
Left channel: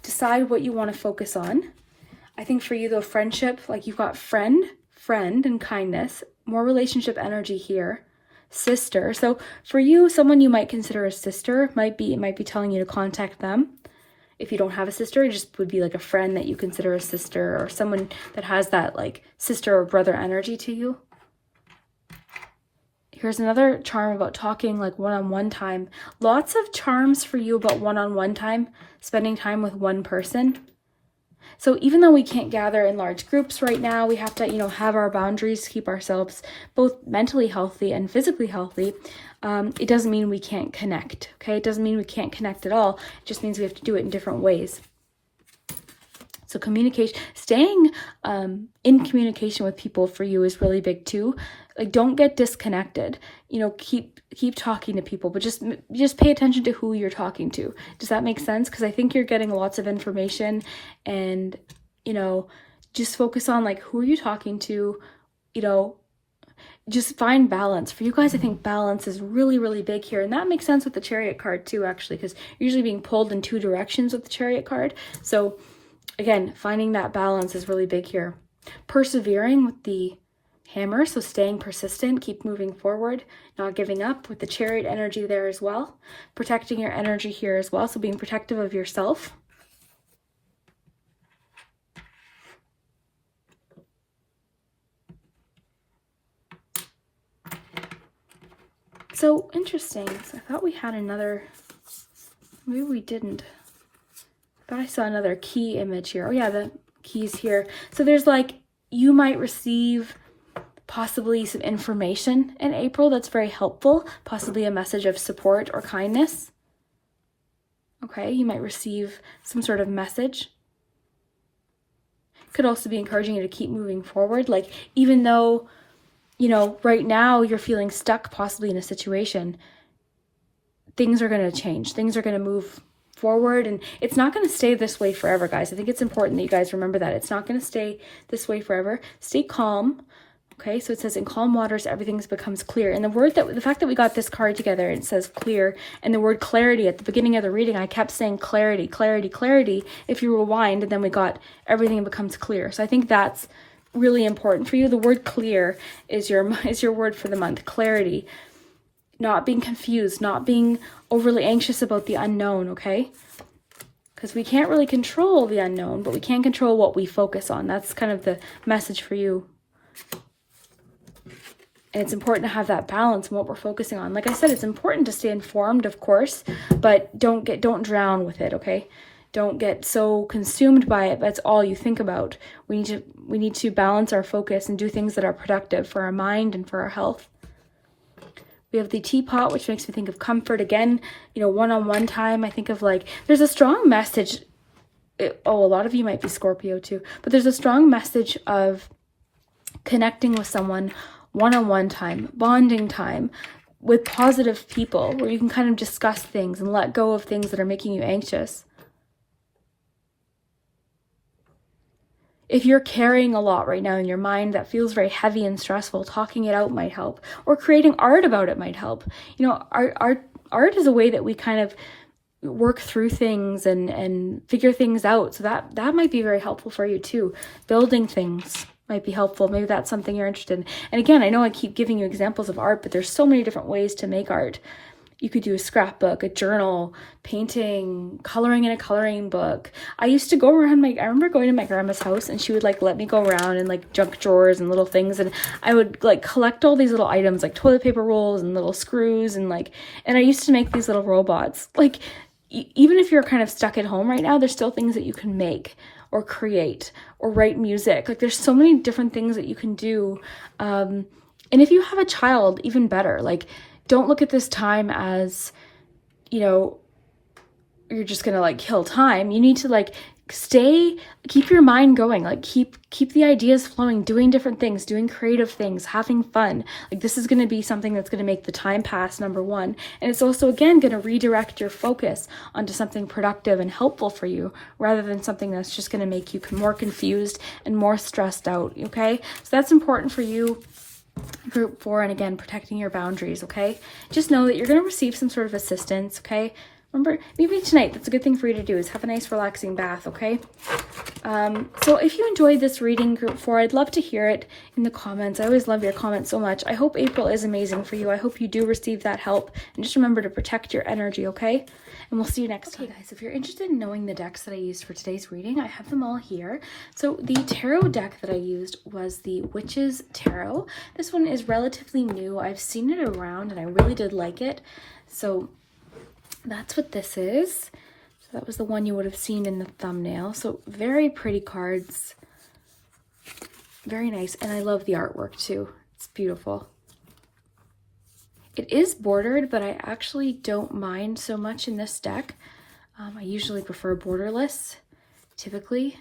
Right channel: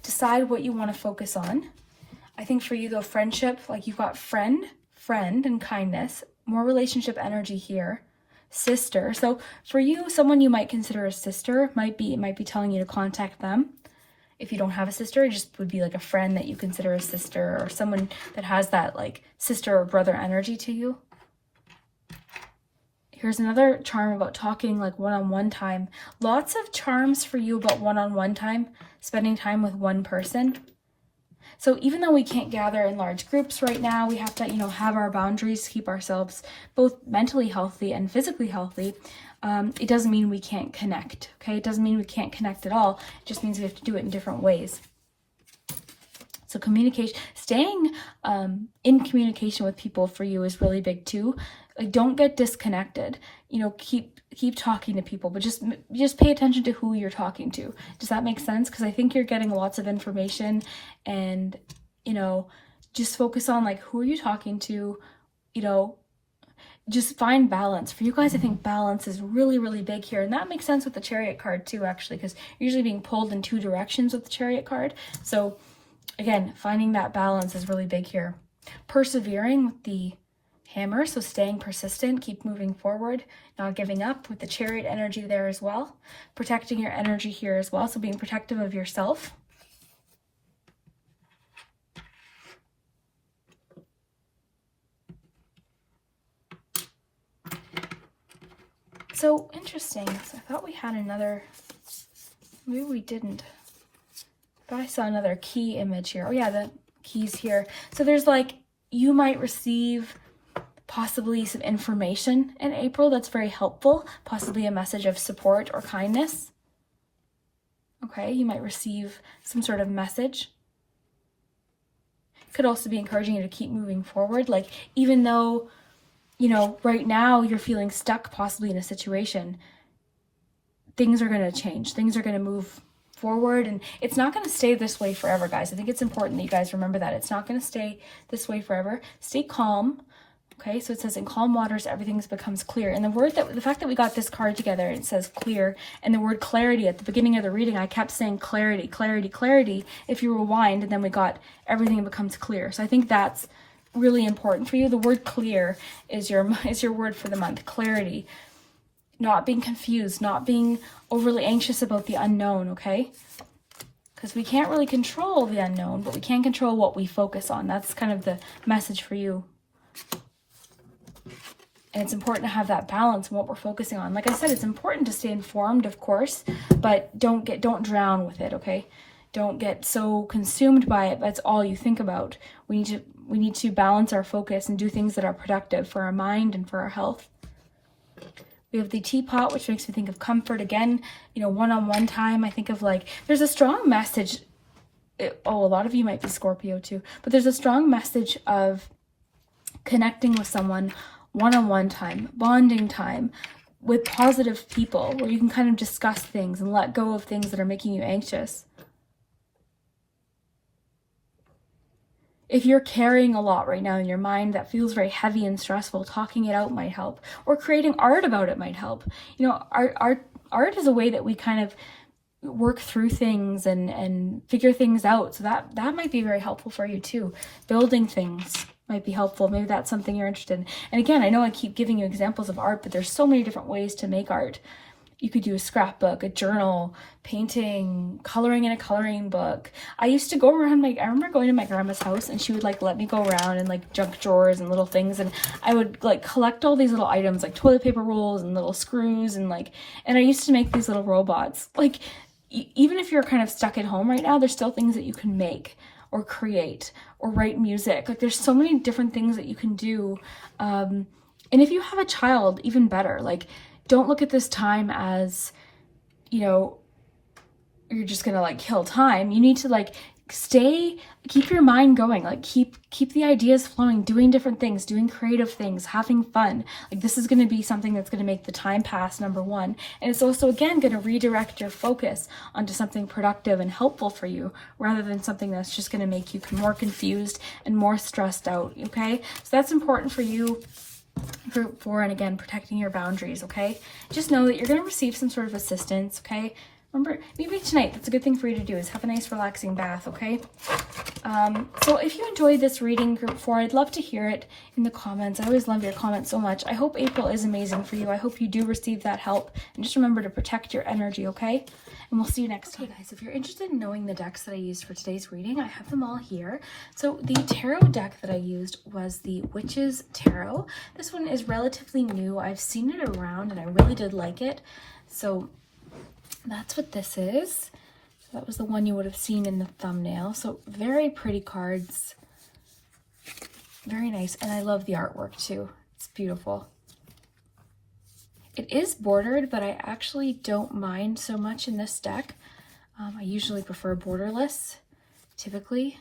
decide what you want to focus on. I think for you though, friendship, like you've got friend, and kindness, more relationship energy here. Sister. So for you, someone you might consider a sister might be telling you to contact them. If you don't have a sister, it just would be like a friend that you consider a sister, or someone that has that like sister or brother energy to you. Here's another charm about talking like one-on-one time. Lots of charms for you about one-on-one time, spending time with one person. So even though we can't gather in large groups right now, we have to, have our boundaries, keep ourselves both mentally healthy and physically healthy. It doesn't mean we can't connect, okay? It doesn't mean we can't connect at all. It just means we have to do it in different ways. So communication, staying in communication with people for you is really big too. Like, don't get disconnected. Keep talking to people, but just pay attention to who you're talking to. Does that make sense? Because I think you're getting lots of information, and just focus on like, who are you talking to? Just find balance. For you guys, I think balance is really, really big here. And that makes sense with the Chariot card too, actually, because you're usually being pulled in 2 directions with the Chariot card. So again, finding that balance is really big here. Persevering with the Hammer, so staying persistent, keep moving forward, not giving up with the Chariot energy there as well. Protecting your energy here as well, so being protective of yourself. So interesting, because I thought we had another, maybe we didn't, but I saw another key image here. Oh yeah, the keys here. So there's like, you might receive possibly some information in April that's very helpful, possibly a message of support or kindness. Okay, you might receive some sort of message. Could also be encouraging you to keep moving forward. Like, even though right now you're feeling stuck possibly in a situation, things are going to change. Things are going to move forward, and it's not going to stay this way forever, guys. I think it's important that you guys remember that. It's not going to stay this way forever. Stay calm. Okay, so it says in calm waters, everything becomes clear. And the fact that we got this card together, it says clear, and the word clarity at the beginning of the reading, I kept saying clarity, clarity, clarity. If you rewind, and then we got everything becomes clear. So I think that's really important for you. The word clear is your word for the month. Clarity, not being confused, not being overly anxious about the unknown, okay? Because we can't really control the unknown, but we can control what we focus on. That's kind of the message for you. And it's important to have that balance in what we're focusing on. Like I said, it's important to stay informed, of course, but don't drown with it, okay? Don't get so consumed by it that's all you think about. We need to balance our focus and do things that are productive for our mind and for our health. We have the teapot, which makes me think of comfort again. One-on-one time, I think of like, there's a strong message. A lot of you might be Scorpio too, but there's a strong message of connecting with someone one-on-one time, bonding time with positive people where you can kind of discuss things and let go of things that are making you anxious. if you're carrying a lot right now in your mind that feels very heavy and stressful, talking it out might help, or creating art about it might help. You know, art is a way that we kind of work through things and figure things out. So that might be very helpful for you too. Building things might be helpful. Maybe that's something you're interested in. And again, I know I keep giving you examples of art, but there's so many different ways to make art. You could do a scrapbook, a journal, painting, coloring in a coloring book. I used to go around I remember going to my grandma's house, and she would like let me go around in like junk drawers and little things, and I would like collect all these little items like toilet paper rolls and little screws, and I used to make these little robots. Like, even if you're kind of stuck at home right now, there's still things that you can make or create or write music. Like, there's so many different things that you can do. And if you have a child, even better. Like, don't look at this time as, you know, you're just gonna like kill time. You need to like keep your mind going, like keep the ideas flowing, doing different things, doing creative things, having fun. Like, this is going to be something that's going to make the time pass, number one. And it's also, again, going to redirect your focus onto something productive and helpful for you, rather than something that's just going to make you more confused and more stressed out. Okay, so that's important for you. Group 4, and again, protecting your boundaries. Okay, just know that you're going to receive some sort of assistance. Okay, remember, maybe tonight, that's a good thing for you to do, is have a nice relaxing bath. Okay, so if you enjoyed this reading, group 4, I'd love to hear it in the comments. I always love your comments so much. I hope April is amazing for you. I hope you do receive that help, and just remember to protect your energy. Okay, and we'll see you next time. Okay guys, if you're interested in knowing the decks that I used for today's reading, I have them all here. So the tarot deck that I used was the Witch's Tarot. This one is relatively new. I've seen it around and I really did like it. So that's what this is. So that was the one you would have seen in the thumbnail. So very pretty cards. Very nice. And I love the artwork too. It's beautiful. It is bordered, but I actually don't mind so much in this deck. I usually prefer borderless, typically,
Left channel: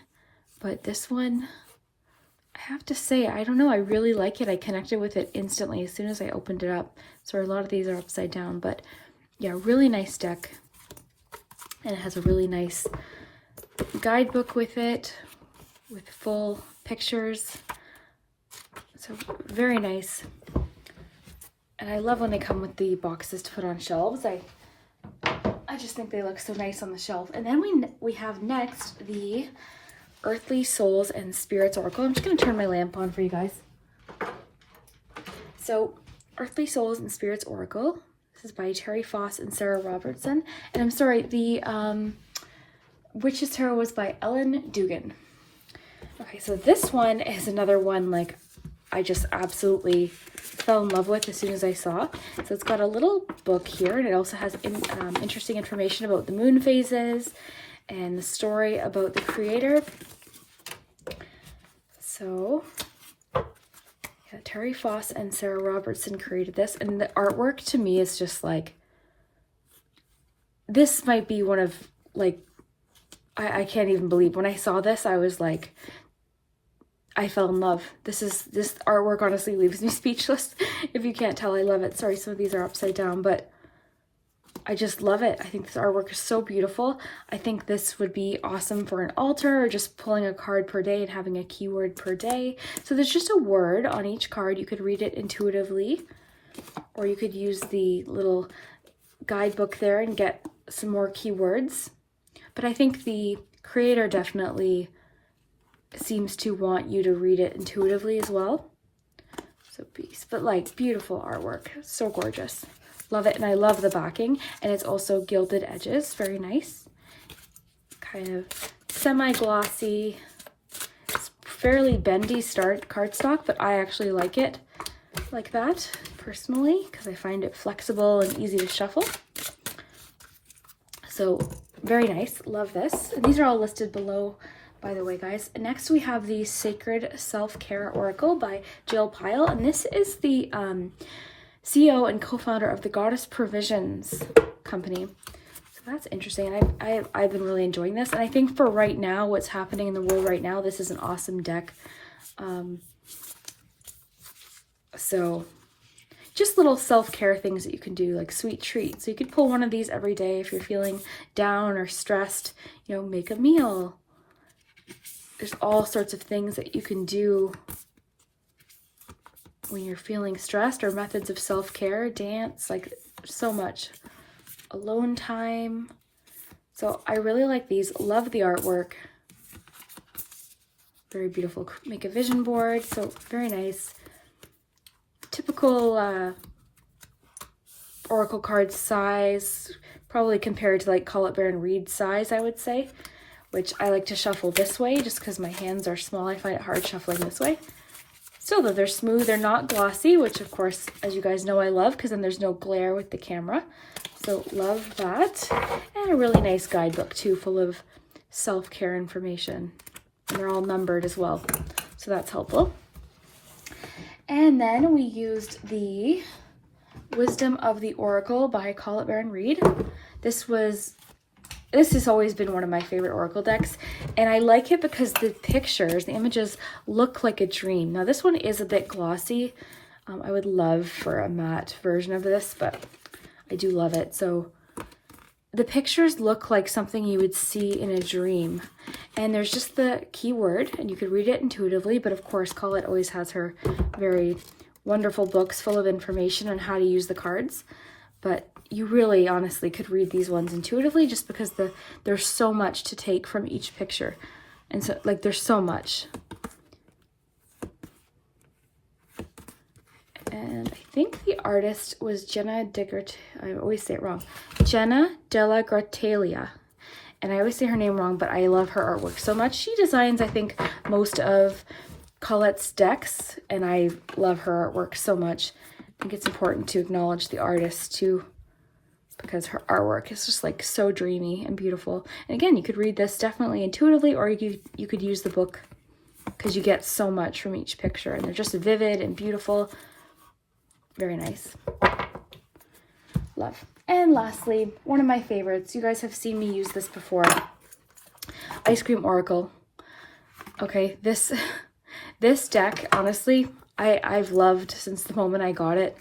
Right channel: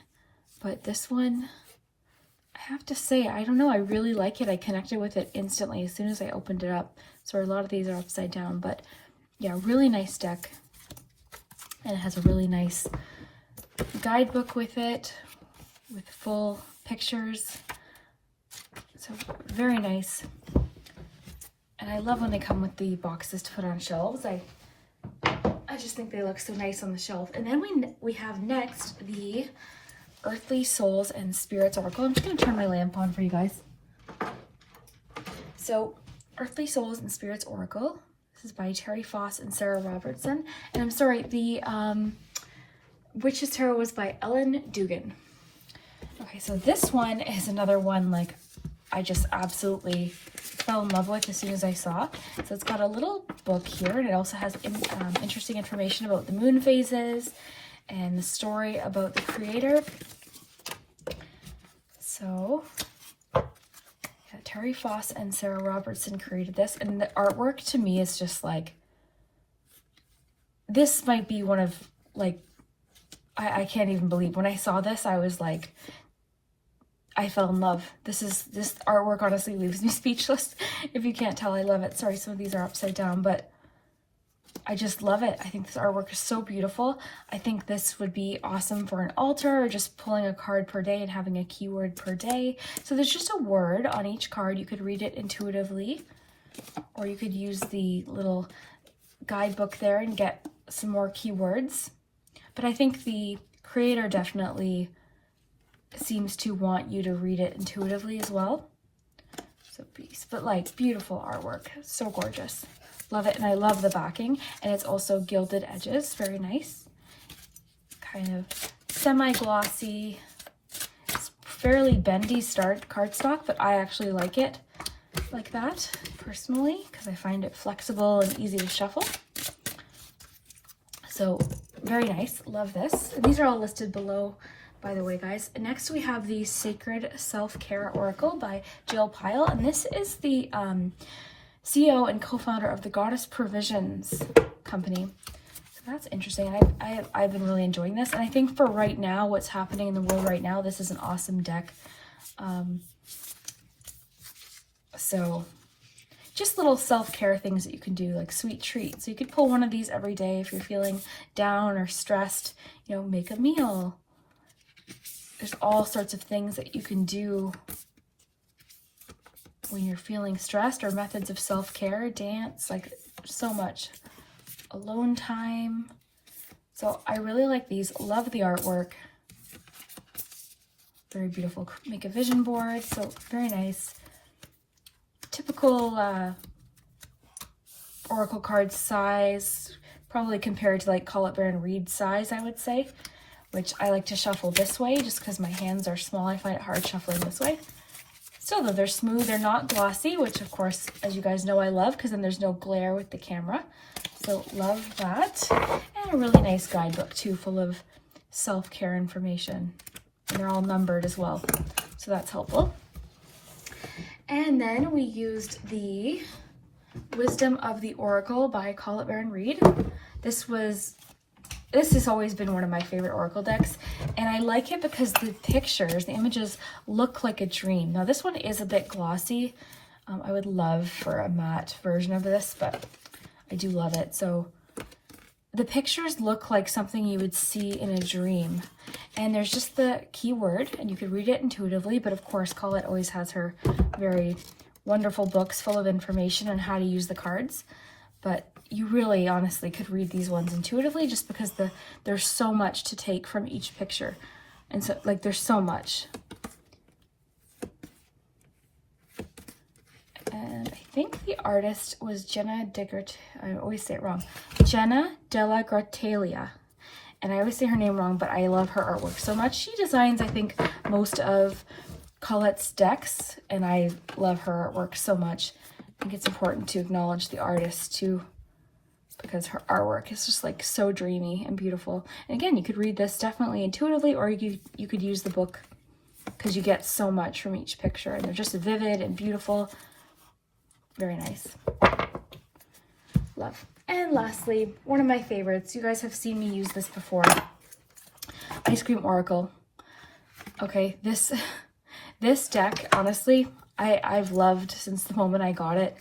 but this one, I have to say, I don't know, I really like it. I connected with it instantly as soon as I opened it up. So a lot of these are upside down, but yeah, really nice deck. And it has a really nice guidebook with it, with full pictures. So very nice. And I love when they come with the boxes to put on shelves. I just think they look so nice on the shelf. And then we have next the Earthly Souls and Spirits Oracle. I'm just going to turn my lamp on for you guys. So Earthly Souls and Spirits Oracle. This is by Terry Foss and Sarah Robertson. And I'm sorry, the Witch's Tarot was by Ellen Dugan. Okay, so this one is another one like I just absolutely fell in love with as soon as I saw. So it's got a little book here, and it also has interesting information about the moon phases and the story about the creator. So yeah, Terry Foss and Sarah Robertson created this, and the artwork to me is just like, this might be one of like, I can't even believe when I saw this, I was like, I fell in love. This artwork honestly leaves me speechless. If you can't tell, I love it. Sorry, some of these are upside down, but I just love it. I think this artwork is so beautiful. I think this would be awesome for an altar, or just pulling a card per day and having a keyword per day. So there's just a word on each card. You could read it intuitively, or you could use the little guidebook there and get some more keywords. But I think the creator definitely seems to want you to read it intuitively as well. So peace, but like beautiful artwork, so gorgeous. Love it. And I love the backing, and it's also gilded edges, very nice, kind of semi-glossy. It's fairly bendy cardstock, but I actually like it like that personally because I find it flexible and easy to shuffle. So very nice, love this. And these are all listed below, by the way, guys. Next we have the Sacred Self-Care Oracle by Jill Pyle, and this is the CEO and co-founder of the Goddess Provisions company. So that's interesting, and I've been really enjoying this, and I think for right now, what's happening in the world right now, this is an awesome deck. So just little self-care things that you can do, like sweet treats. So you could pull one of these every day if you're feeling down or stressed. You know, make a meal, there's all sorts of things that you can do when you're feeling stressed, or methods of self-care, dance, like so much. Alone time. So I really like these. Love the artwork. Very beautiful. Make a vision board. So very nice. Typical oracle card size, probably compared to like Colette Baron Reid size, I would say, which I like to shuffle this way just because my hands are small. I find it hard shuffling this way. Still though, they're smooth, they're not glossy, which of course, as you guys know, I love, because then there's no glare with the camera. So love that. And a really nice guidebook too, full of self-care information. They're all numbered as well, so that's helpful. And then we used the Wisdom of the Oracle by Colette Baron Reid. This has always been one of my favorite oracle decks, and I like it because the pictures, the images look like a dream. Now this one is a bit glossy. I would love for a matte version of this, but I do love it. So the pictures look like something you would see in a dream, and there's just the keyword, and you could read it intuitively, but of course Colette always has her very wonderful books full of information on how to use the cards. But you really honestly could read these ones intuitively, just because there's so much to take from each picture. And so like there's so much. And I think the artist was Jenna I always say it wrong. Jenna Della Gratelia. And I always say her name wrong, but I love her artwork so much. She designs, I think, most of Colette's decks, and I love her artwork so much. I think it's important to acknowledge the artist too, because her artwork is just like so dreamy and beautiful. And again, you could read this definitely intuitively, or you could use the book, because you get so much from each picture, and they're just vivid and beautiful. Very nice. Love. And lastly, one of my favorites. You guys have seen me use this before. Ice Cream Oracle. Okay, this deck, honestly, I've loved since the moment I got it.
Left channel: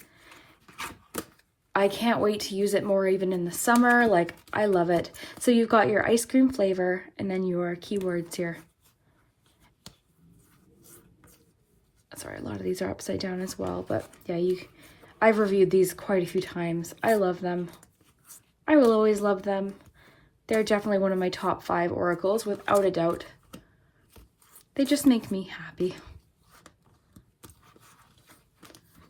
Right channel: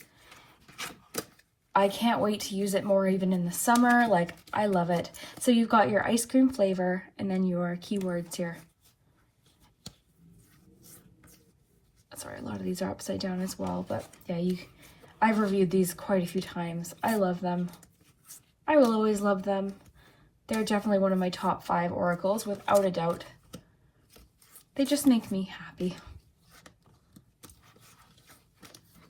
I can't wait to use it more, even in the summer. Like, I love it. So you've got your ice cream flavor, and then your keywords here. Sorry, a lot of these are upside down as well, but yeah, I've reviewed these quite a few times. I love them. I will always love them. They're definitely one of my top 5 oracles, without a doubt. They just make me happy.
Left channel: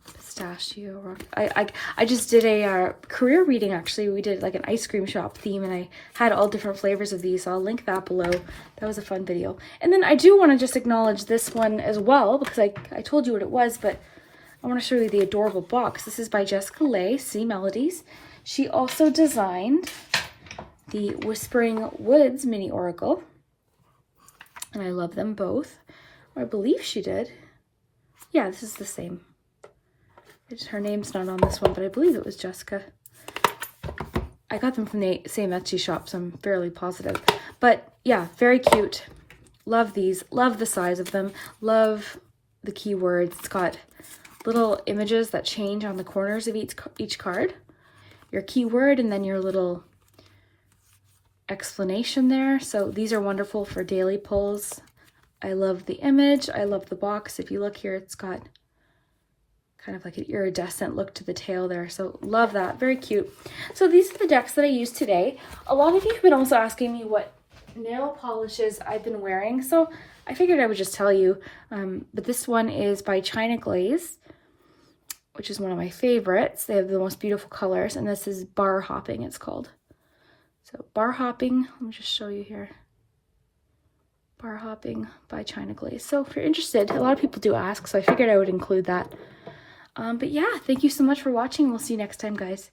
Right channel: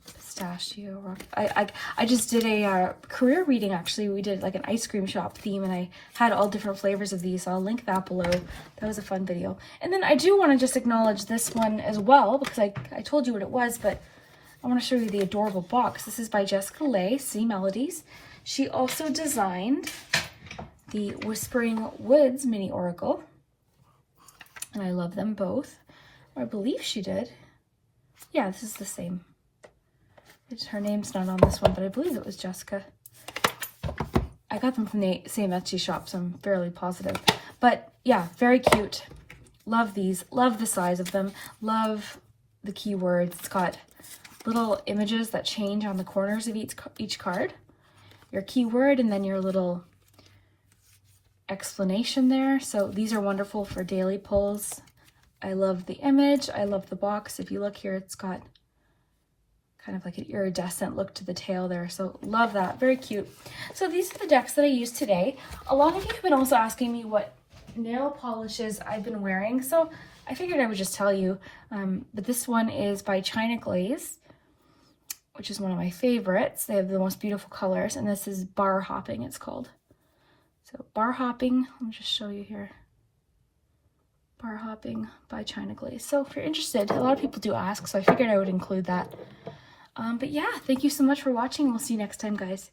Pistachio rock. I just did a career reading, actually. We did like an ice cream shop theme, and I had all different flavors of these, so I'll link that below. That was a fun video. And then I do want to just acknowledge this one as well, because I told you what it was, but I want to show you the adorable box. This is by Jessica Lay, See Melodies. She also designed the Whispering Woods mini oracle, and I love them both. Or I believe she did. Yeah, this is the same. Her name's not on this one, but I believe it was Jessica. I got them from the same Etsy shop, so I'm fairly positive. But yeah, very cute. Love these. Love the size of them. Love the keywords. It's got little images that change on the corners of each card. Your keyword, and then your little explanation there. So these are wonderful for daily pulls. I love the image. I love the box. If you look here, it's got kind of like an iridescent look to the tail there. So love that. Very cute. So these are the decks that I used today. A lot of you have been also asking me what nail polishes I've been wearing, so I figured I would just tell you. But this one is by China Glaze, which is one of my favorites. They have the most beautiful colors, and this is Bar Hopping, it's called. So Bar Hopping, let me just show you here. Bar Hopping by China Glaze. So if you're interested, a lot of people do ask, so I figured I would include that. But yeah, thank you so much for watching. We'll see you next time, guys.